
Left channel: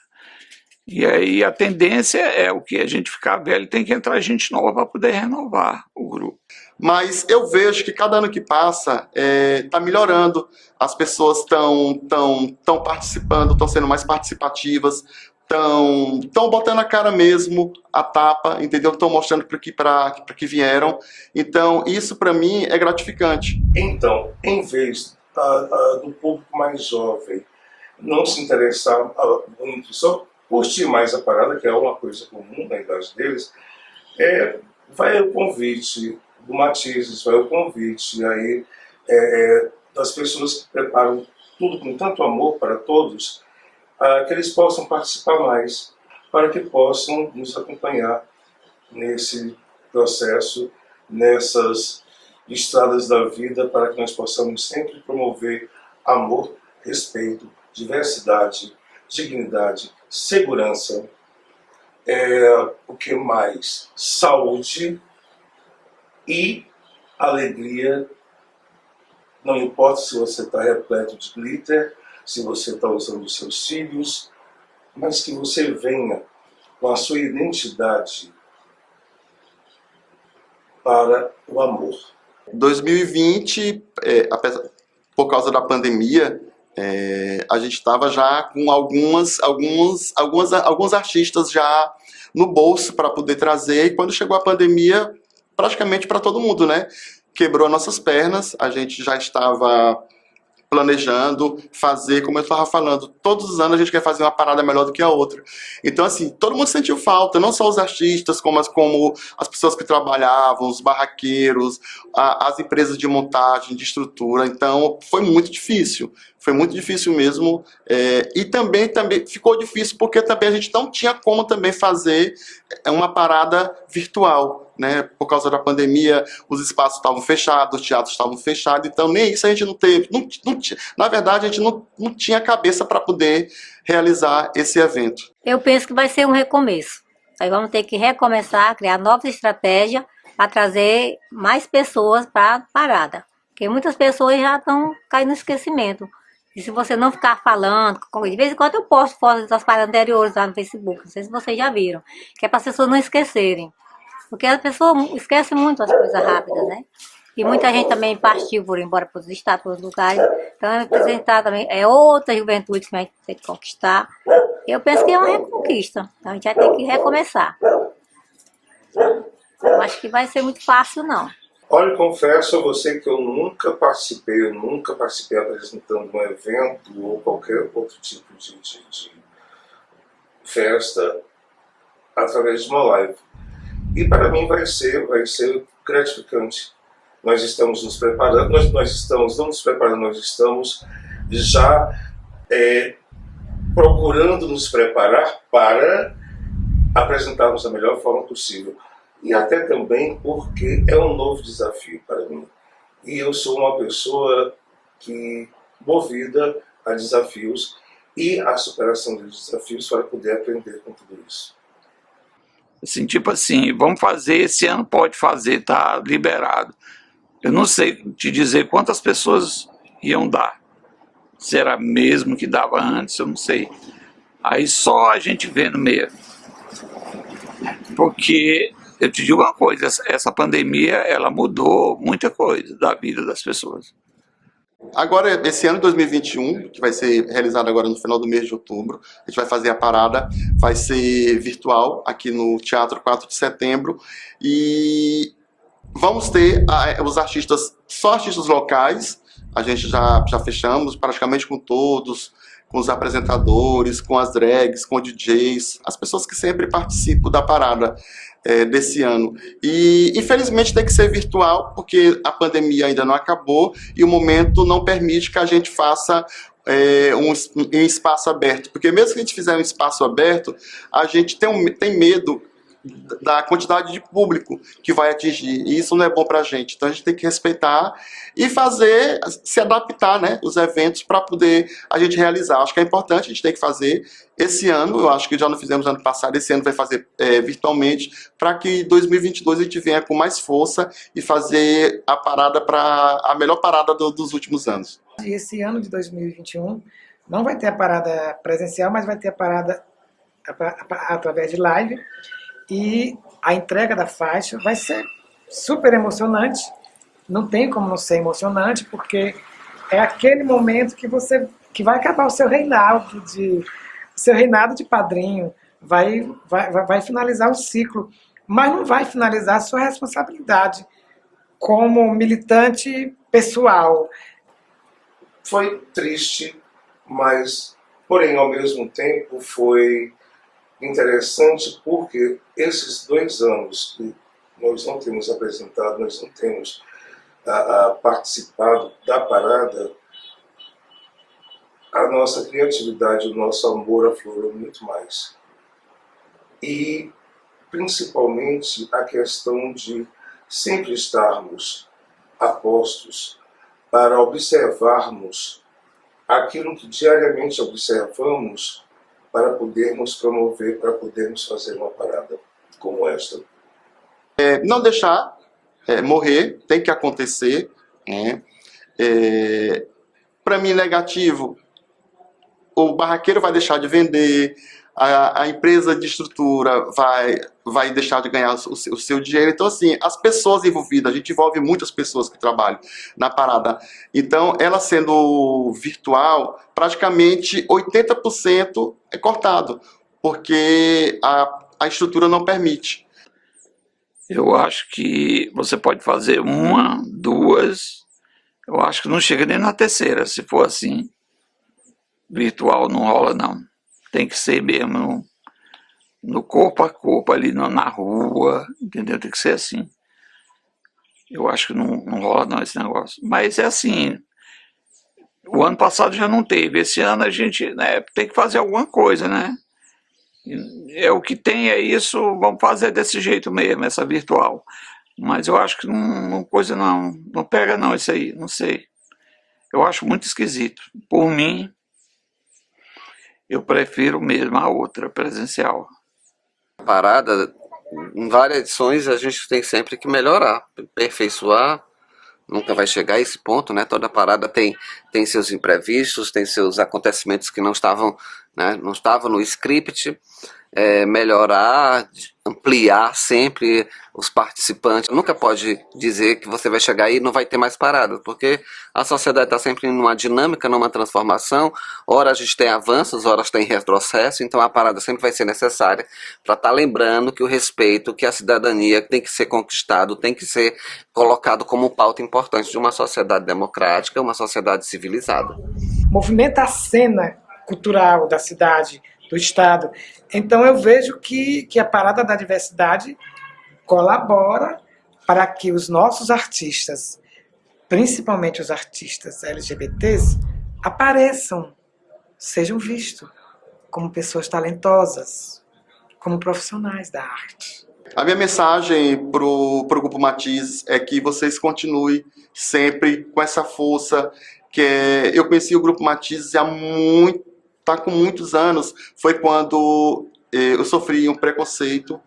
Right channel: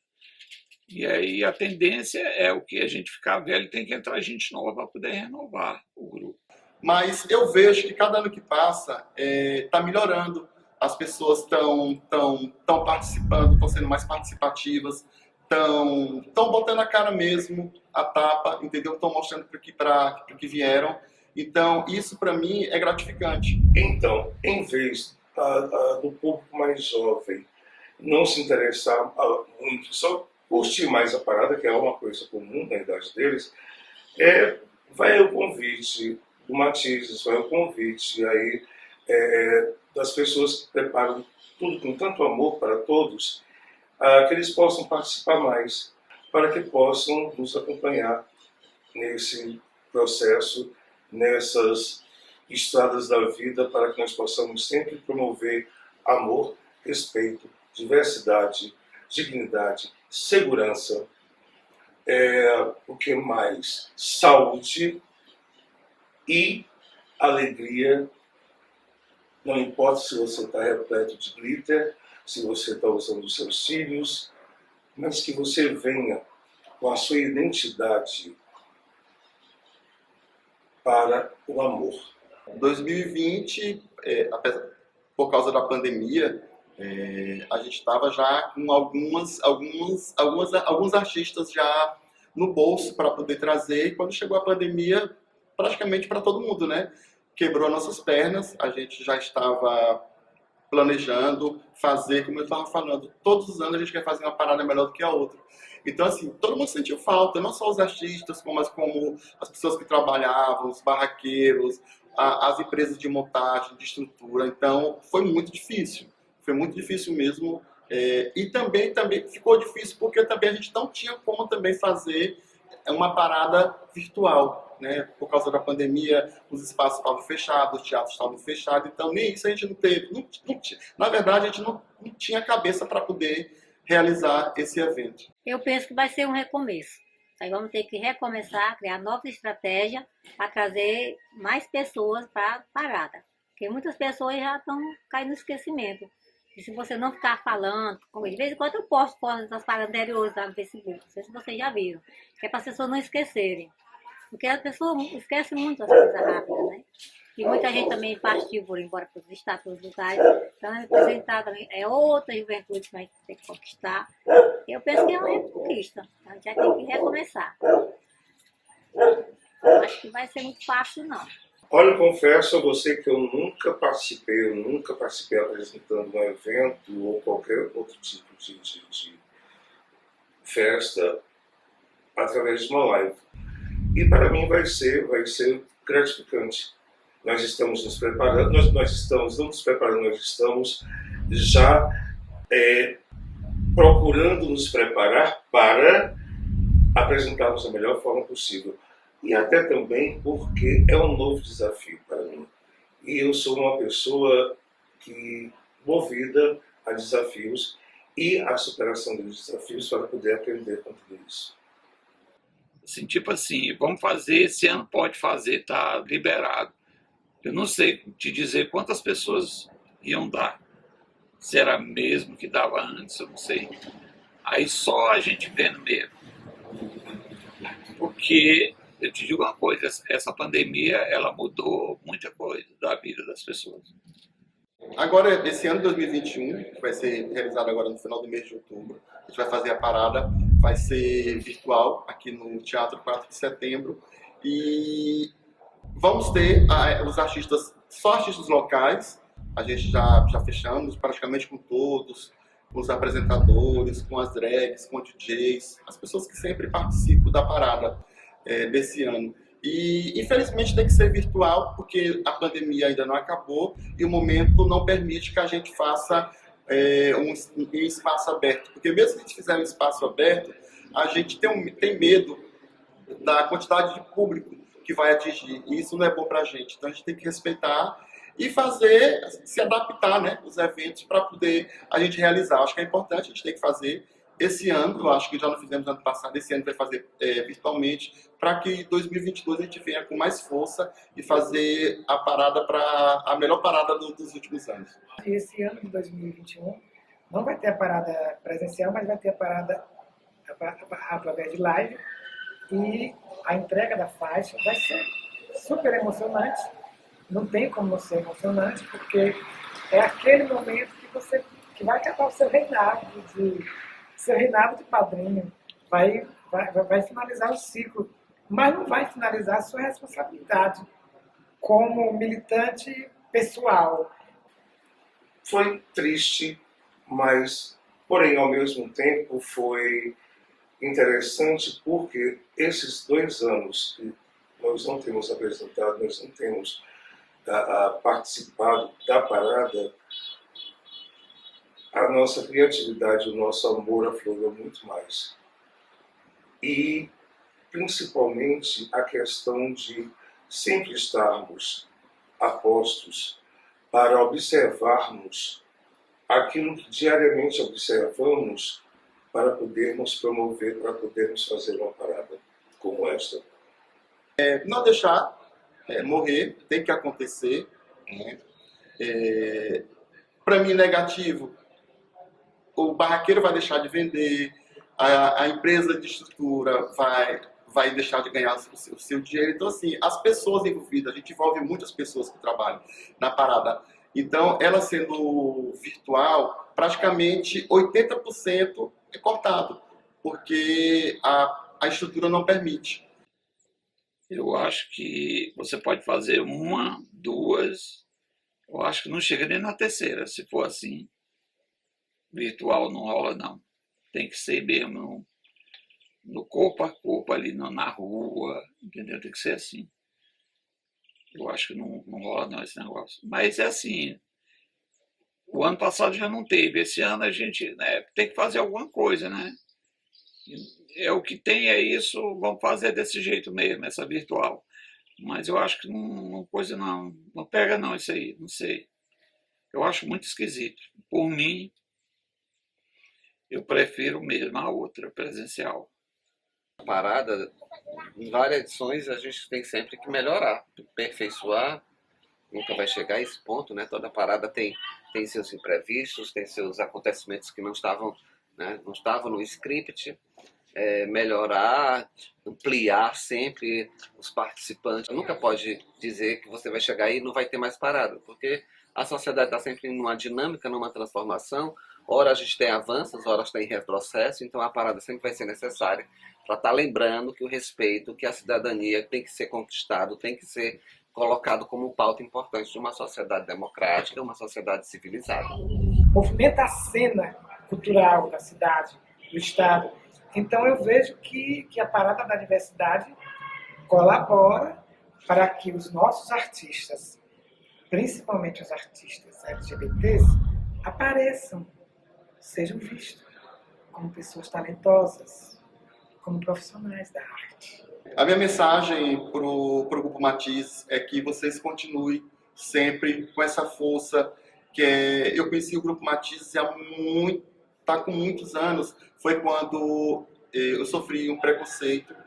E aí a tendência é o que? A gente ficar velho, tem que entrar gente nova para poder renovar o grupo. Mas eu vejo que cada ano que passa está melhorando. As pessoas estão participando, estão sendo mais participativas, estão botando a cara mesmo, a tapa, entendeu? Estão mostrando para que vieram. Então, isso para mim é gratificante. Então, em vez do público mais jovem não se interessar muito, só curtir mais a parada, que é uma coisa comum na idade deles, vai o convite do Matizes, vai o convite, e aí das pessoas que preparam tudo com tanto amor para todos, que eles possam participar mais, para que possam nos acompanhar nesse processo, nessas estradas da vida, para que nós possamos sempre promover amor, respeito, diversidade, dignidade, segurança, o que mais? Saúde e alegria. Não importa se você está repleto de glitter, se você está usando os seus cílios, mas que você venha com a sua identidade para o amor. 2020, por causa da pandemia, a gente estava já com alguns artistas já no bolso para poder trazer, e quando chegou a pandemia, praticamente para todo mundo, né? Quebrou as nossas pernas, a gente já estava planejando fazer, como eu estava falando, todos os anos a gente quer fazer uma parada melhor do que a outra. Então, assim, todo mundo sentiu falta, não só os artistas, como as pessoas que trabalhavam, os barraqueiros, as empresas de montagem, de estrutura. Então, foi muito difícil mesmo. E também ficou difícil porque também a gente não tinha como também fazer uma parada virtual, né? Por causa da pandemia, os espaços estavam fechados, os teatros estavam fechados, então nem isso a gente não teve. Na verdade, a gente não tinha cabeça para poder realizar esse evento. Eu penso que vai ser um recomeço. Aí vamos ter que recomeçar, criar novas estratégias para trazer mais pessoas para a parada. Porque muitas pessoas já estão caindo no esquecimento. E se você não ficar falando, de vez em quando eu posto fotos das paradas anteriores lá no Facebook, não sei se vocês já viram, que é para as pessoas não esquecerem. Porque a pessoa esquece muito as coisas rápidas, né? E muita gente também partiu por ir embora para os estados, para os lugares. Então, representar também é outra juventude que a gente tem que conquistar. Eu penso que é uma reconquista. Então, a gente vai ter que recomeçar. Eu acho que vai ser muito fácil, não. Olha, eu confesso a você que eu nunca participei apresentando um evento ou qualquer outro tipo de festa através de uma live. E para mim vai ser gratificante. Nós estamos nos preparando, nós estamos já procurando nos preparar para apresentarmos da melhor forma possível. E até também porque é um novo desafio para mim. E eu sou uma pessoa que movida a desafios e a superação dos desafios para poder aprender com tudo isso. Assim, tipo assim, vamos fazer, esse ano pode fazer, tá liberado. Eu não sei te dizer quantas pessoas iam dar. Se era mesmo que dava antes, eu não sei. Aí só a gente vendo mesmo. Porque eu te digo uma coisa, essa pandemia, ela mudou muita coisa da vida das pessoas. Agora, esse ano de 2021, que vai ser realizado agora no final do mês de outubro, a gente vai fazer a parada, vai ser virtual aqui no Teatro 4 de Setembro, e vamos ter os artistas, só artistas locais, a gente já fechamos praticamente com todos, com os apresentadores, com as drags, com DJs, as pessoas que sempre participam da parada desse ano. E infelizmente tem que ser virtual, porque a pandemia ainda não acabou e o momento não permite que a gente faça um espaço aberto. Porque mesmo que a gente fizer um espaço aberto, a gente tem medo da quantidade de público que vai atingir, e isso não é bom para a gente. Então a gente tem que respeitar e se adaptar, né, os eventos para poder a gente realizar. Acho que é importante, a gente tem que fazer esse ano, eu acho que já não fizemos ano passado, esse ano vai fazer virtualmente, para que 2022 a gente venha com mais força e fazer a parada a melhor parada dos últimos anos. Esse ano de 2021 não vai ter a parada presencial, mas vai ter a parada através de live. E a entrega da faixa vai ser super emocionante. Não tem como não ser emocionante, porque é aquele momento que vai acabar o seu reinado de padrinho, vai finalizar o ciclo, mas não vai finalizar a sua responsabilidade como militante pessoal. Foi triste, mas, porém, ao mesmo tempo, foi interessante porque esses 2 anos que nós não temos apresentado, nós não temos participado da parada, a nossa criatividade, o nosso amor aflorou muito mais. E, principalmente, a questão de sempre estarmos apostos para observarmos aquilo que diariamente observamos para podermos promover, para podermos fazer uma parada como esta. Não deixar morrer, tem que acontecer. Para mim, negativo, o barraqueiro vai deixar de vender, a empresa de estrutura vai deixar de ganhar o seu dinheiro. Então, assim, as pessoas envolvidas, a gente envolve muitas pessoas que trabalham na parada. Então, ela sendo virtual, praticamente 80% é cortado, porque a estrutura não permite. Eu acho que você pode fazer uma, duas, eu acho que não chega nem na terceira, se for assim. Virtual não rola, não. Tem que ser mesmo no corpo a corpo, ali na rua, entendeu? Tem que ser assim. Eu acho que não rola não esse negócio. Mas é assim, o ano passado já não teve, esse ano a gente, né, tem que fazer alguma coisa, né? É o que tem, é isso, vamos fazer desse jeito mesmo, essa virtual. Mas eu acho que não pega não isso aí, não sei. Eu acho muito esquisito. Por mim, eu prefiro mesmo a outra, presencial. Parada, em várias edições a gente tem sempre que melhorar, aperfeiçoar. Nunca vai chegar a esse ponto, né? Toda parada tem seus imprevistos, tem seus acontecimentos que não estavam, né, não estavam no script. Melhorar, ampliar sempre os participantes. Nunca pode dizer que você vai chegar aí e não vai ter mais paradas, porque a sociedade está sempre numa dinâmica, numa transformação. Ora a gente tem avanços, ora tem retrocesso, então a parada sempre vai ser necessária para estar lembrando que o respeito, que a cidadania tem que ser conquistado, tem que ser colocado como pauta importante de uma sociedade democrática, uma sociedade civilizada. Movimenta a cena cultural da cidade, do estado. Então eu vejo que a Parada da Diversidade colabora para que os nossos artistas, principalmente os artistas LGBTs, apareçam, sejam vistos como pessoas talentosas, como profissionais da arte. A minha mensagem para o Grupo Matizes é que vocês continuem sempre com essa força. Eu conheci o Grupo Matizes há com muitos anos. Foi quando eu sofri um preconceito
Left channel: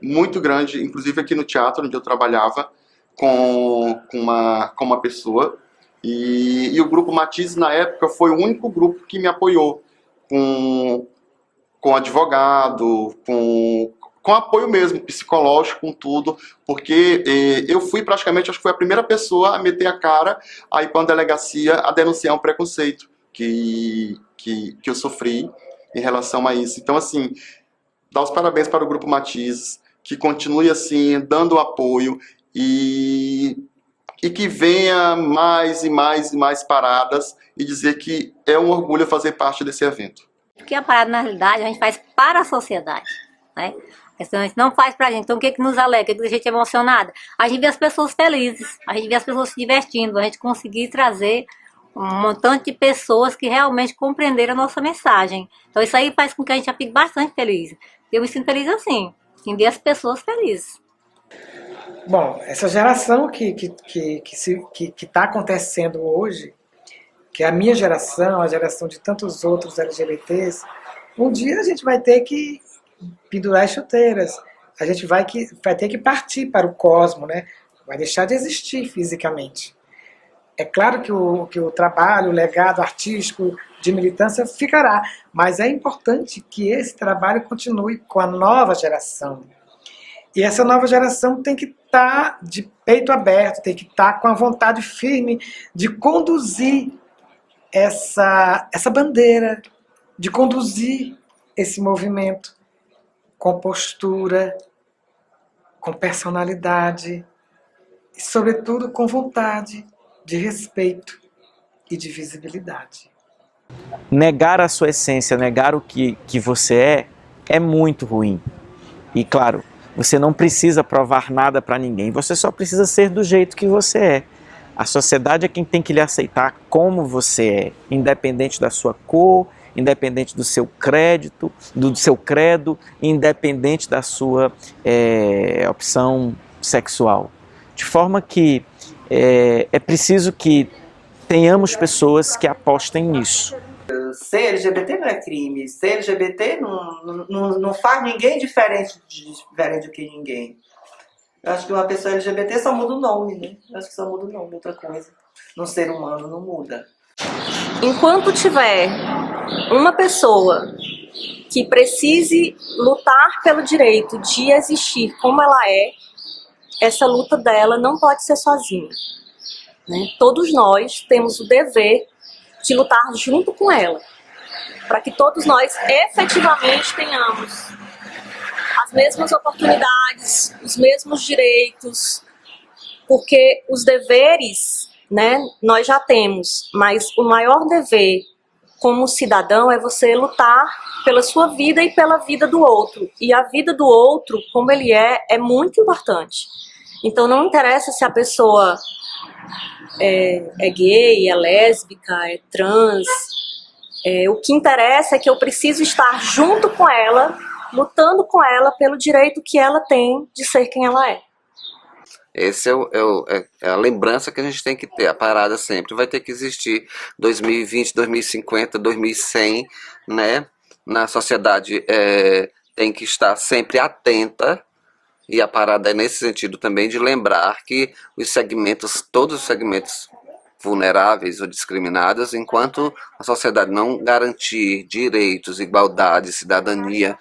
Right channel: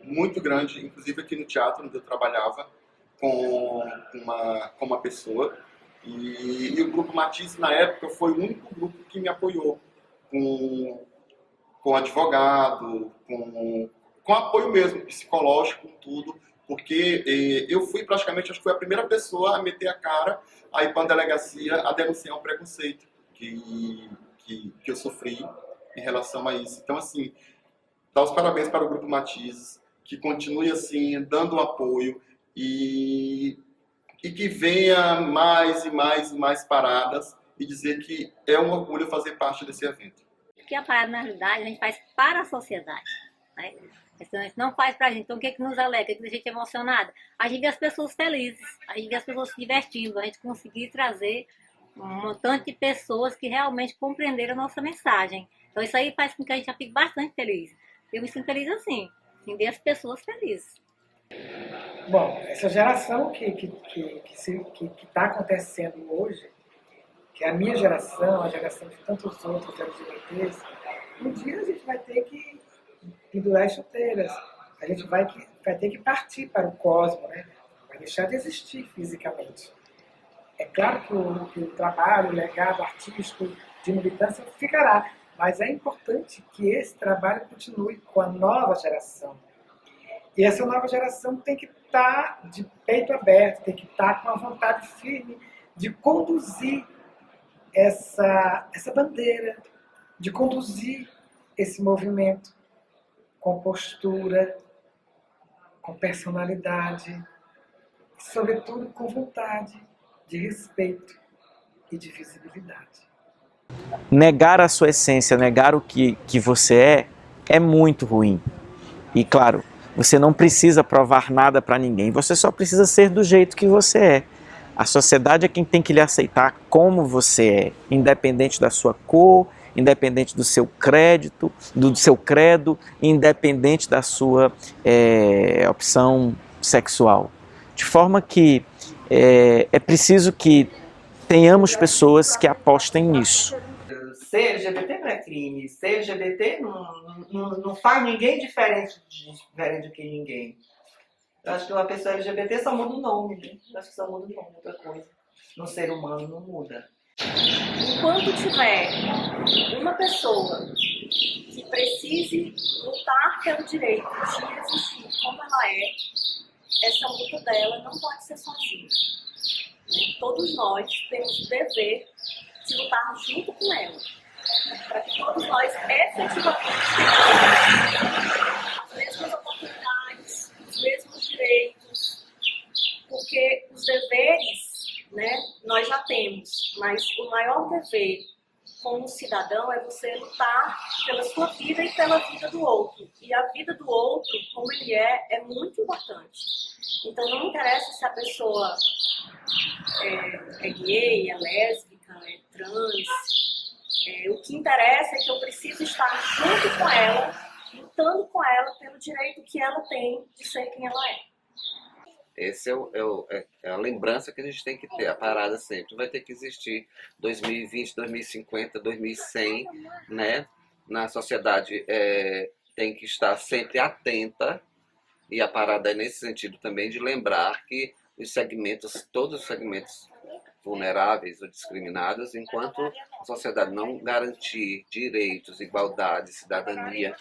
muito grande, inclusive aqui no teatro onde eu trabalhava com uma pessoa, e o Grupo Matizes na época foi o único grupo que me apoiou com advogado, com apoio mesmo, psicológico, com tudo, porque eu fui praticamente, acho que foi a primeira pessoa a meter a cara aí para a delegacia a denunciar um preconceito que eu sofri em relação a isso. Então, assim, dar os parabéns para o Grupo Matizes, que continue assim, dando apoio e que venha mais e mais e mais paradas, e dizer que é um orgulho fazer parte desse evento. Porque a parada, na realidade, a gente faz para a sociedade, né? A gente não faz pra gente. Então, o que nos alegra, o que deixa a gente emocionada? A gente vê as pessoas felizes, a gente vê as pessoas se divertindo, a gente conseguir trazer um montante de pessoas que realmente compreenderam a nossa mensagem. Então isso aí faz com que a gente fique bastante feliz. Eu me sinto feliz assim, em ver as pessoas felizes. Bom, essa geração que está acontecendo hoje, que é a minha geração, a geração de tantos outros LGBTs, um dia a gente vai ter que pendurar as chuteiras, a gente vai ter que partir para o cosmo, né? Vai deixar de existir fisicamente. É claro que o trabalho, o legado artístico de militância ficará, mas é importante que esse trabalho continue com a nova geração. E essa nova geração tem que estar de peito aberto, tem que estar com a vontade firme de conduzir essa bandeira, de conduzir esse movimento com postura, com personalidade e, sobretudo, com vontade de respeito e de visibilidade. Negar a sua essência, negar o que você é muito ruim. E claro, Você não precisa provar nada para ninguém, você só precisa ser do jeito que você é. A sociedade é quem tem que lhe aceitar como você é, independente da sua cor, independente do seu crédito, do seu credo, independente da sua opção sexual. De forma que é preciso que tenhamos pessoas que apostem nisso. Ser LGBT não é crime, ser LGBT não faz ninguém diferente do que ninguém. Eu acho que uma pessoa LGBT só muda o nome, né? Eu acho que só muda o nome, outra coisa. Um ser humano não muda. Enquanto tiver uma pessoa que precise lutar pelo direito de existir como ela é, essa luta dela não pode ser sozinha, né? Todos nós temos o dever de lutar junto com ela, para que todos nós efetivamente tenhamos as mesmas oportunidades, os mesmos direitos, porque os deveres, né, nós já temos, mas o maior dever como cidadão é você lutar pela sua vida e pela vida do outro. E a vida do outro, como ele é muito importante. Então não interessa se a pessoa é gay, é lésbica, é trans. O que interessa é que eu preciso estar junto com ela, lutando com ela pelo direito que ela tem de ser quem ela é. Essa é a lembrança que a gente tem que ter. A parada sempre vai ter que existir 2020, 2050, 2100, né? Na sociedade tem que estar sempre atenta, e a parada é nesse sentido também de lembrar que todos os segmentos vulneráveis ou discriminados, enquanto a sociedade não garantir direitos, igualdade, cidadania,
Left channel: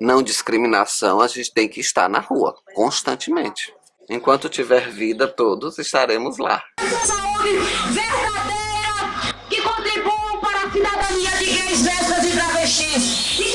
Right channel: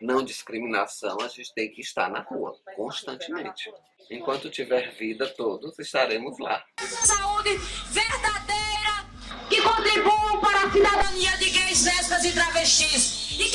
não discriminação, a gente tem que estar na rua constantemente. Enquanto tiver vida, todos estaremos lá. Saúde verdadeira que contribua para a cidadania de gays, lésbicas e travestis.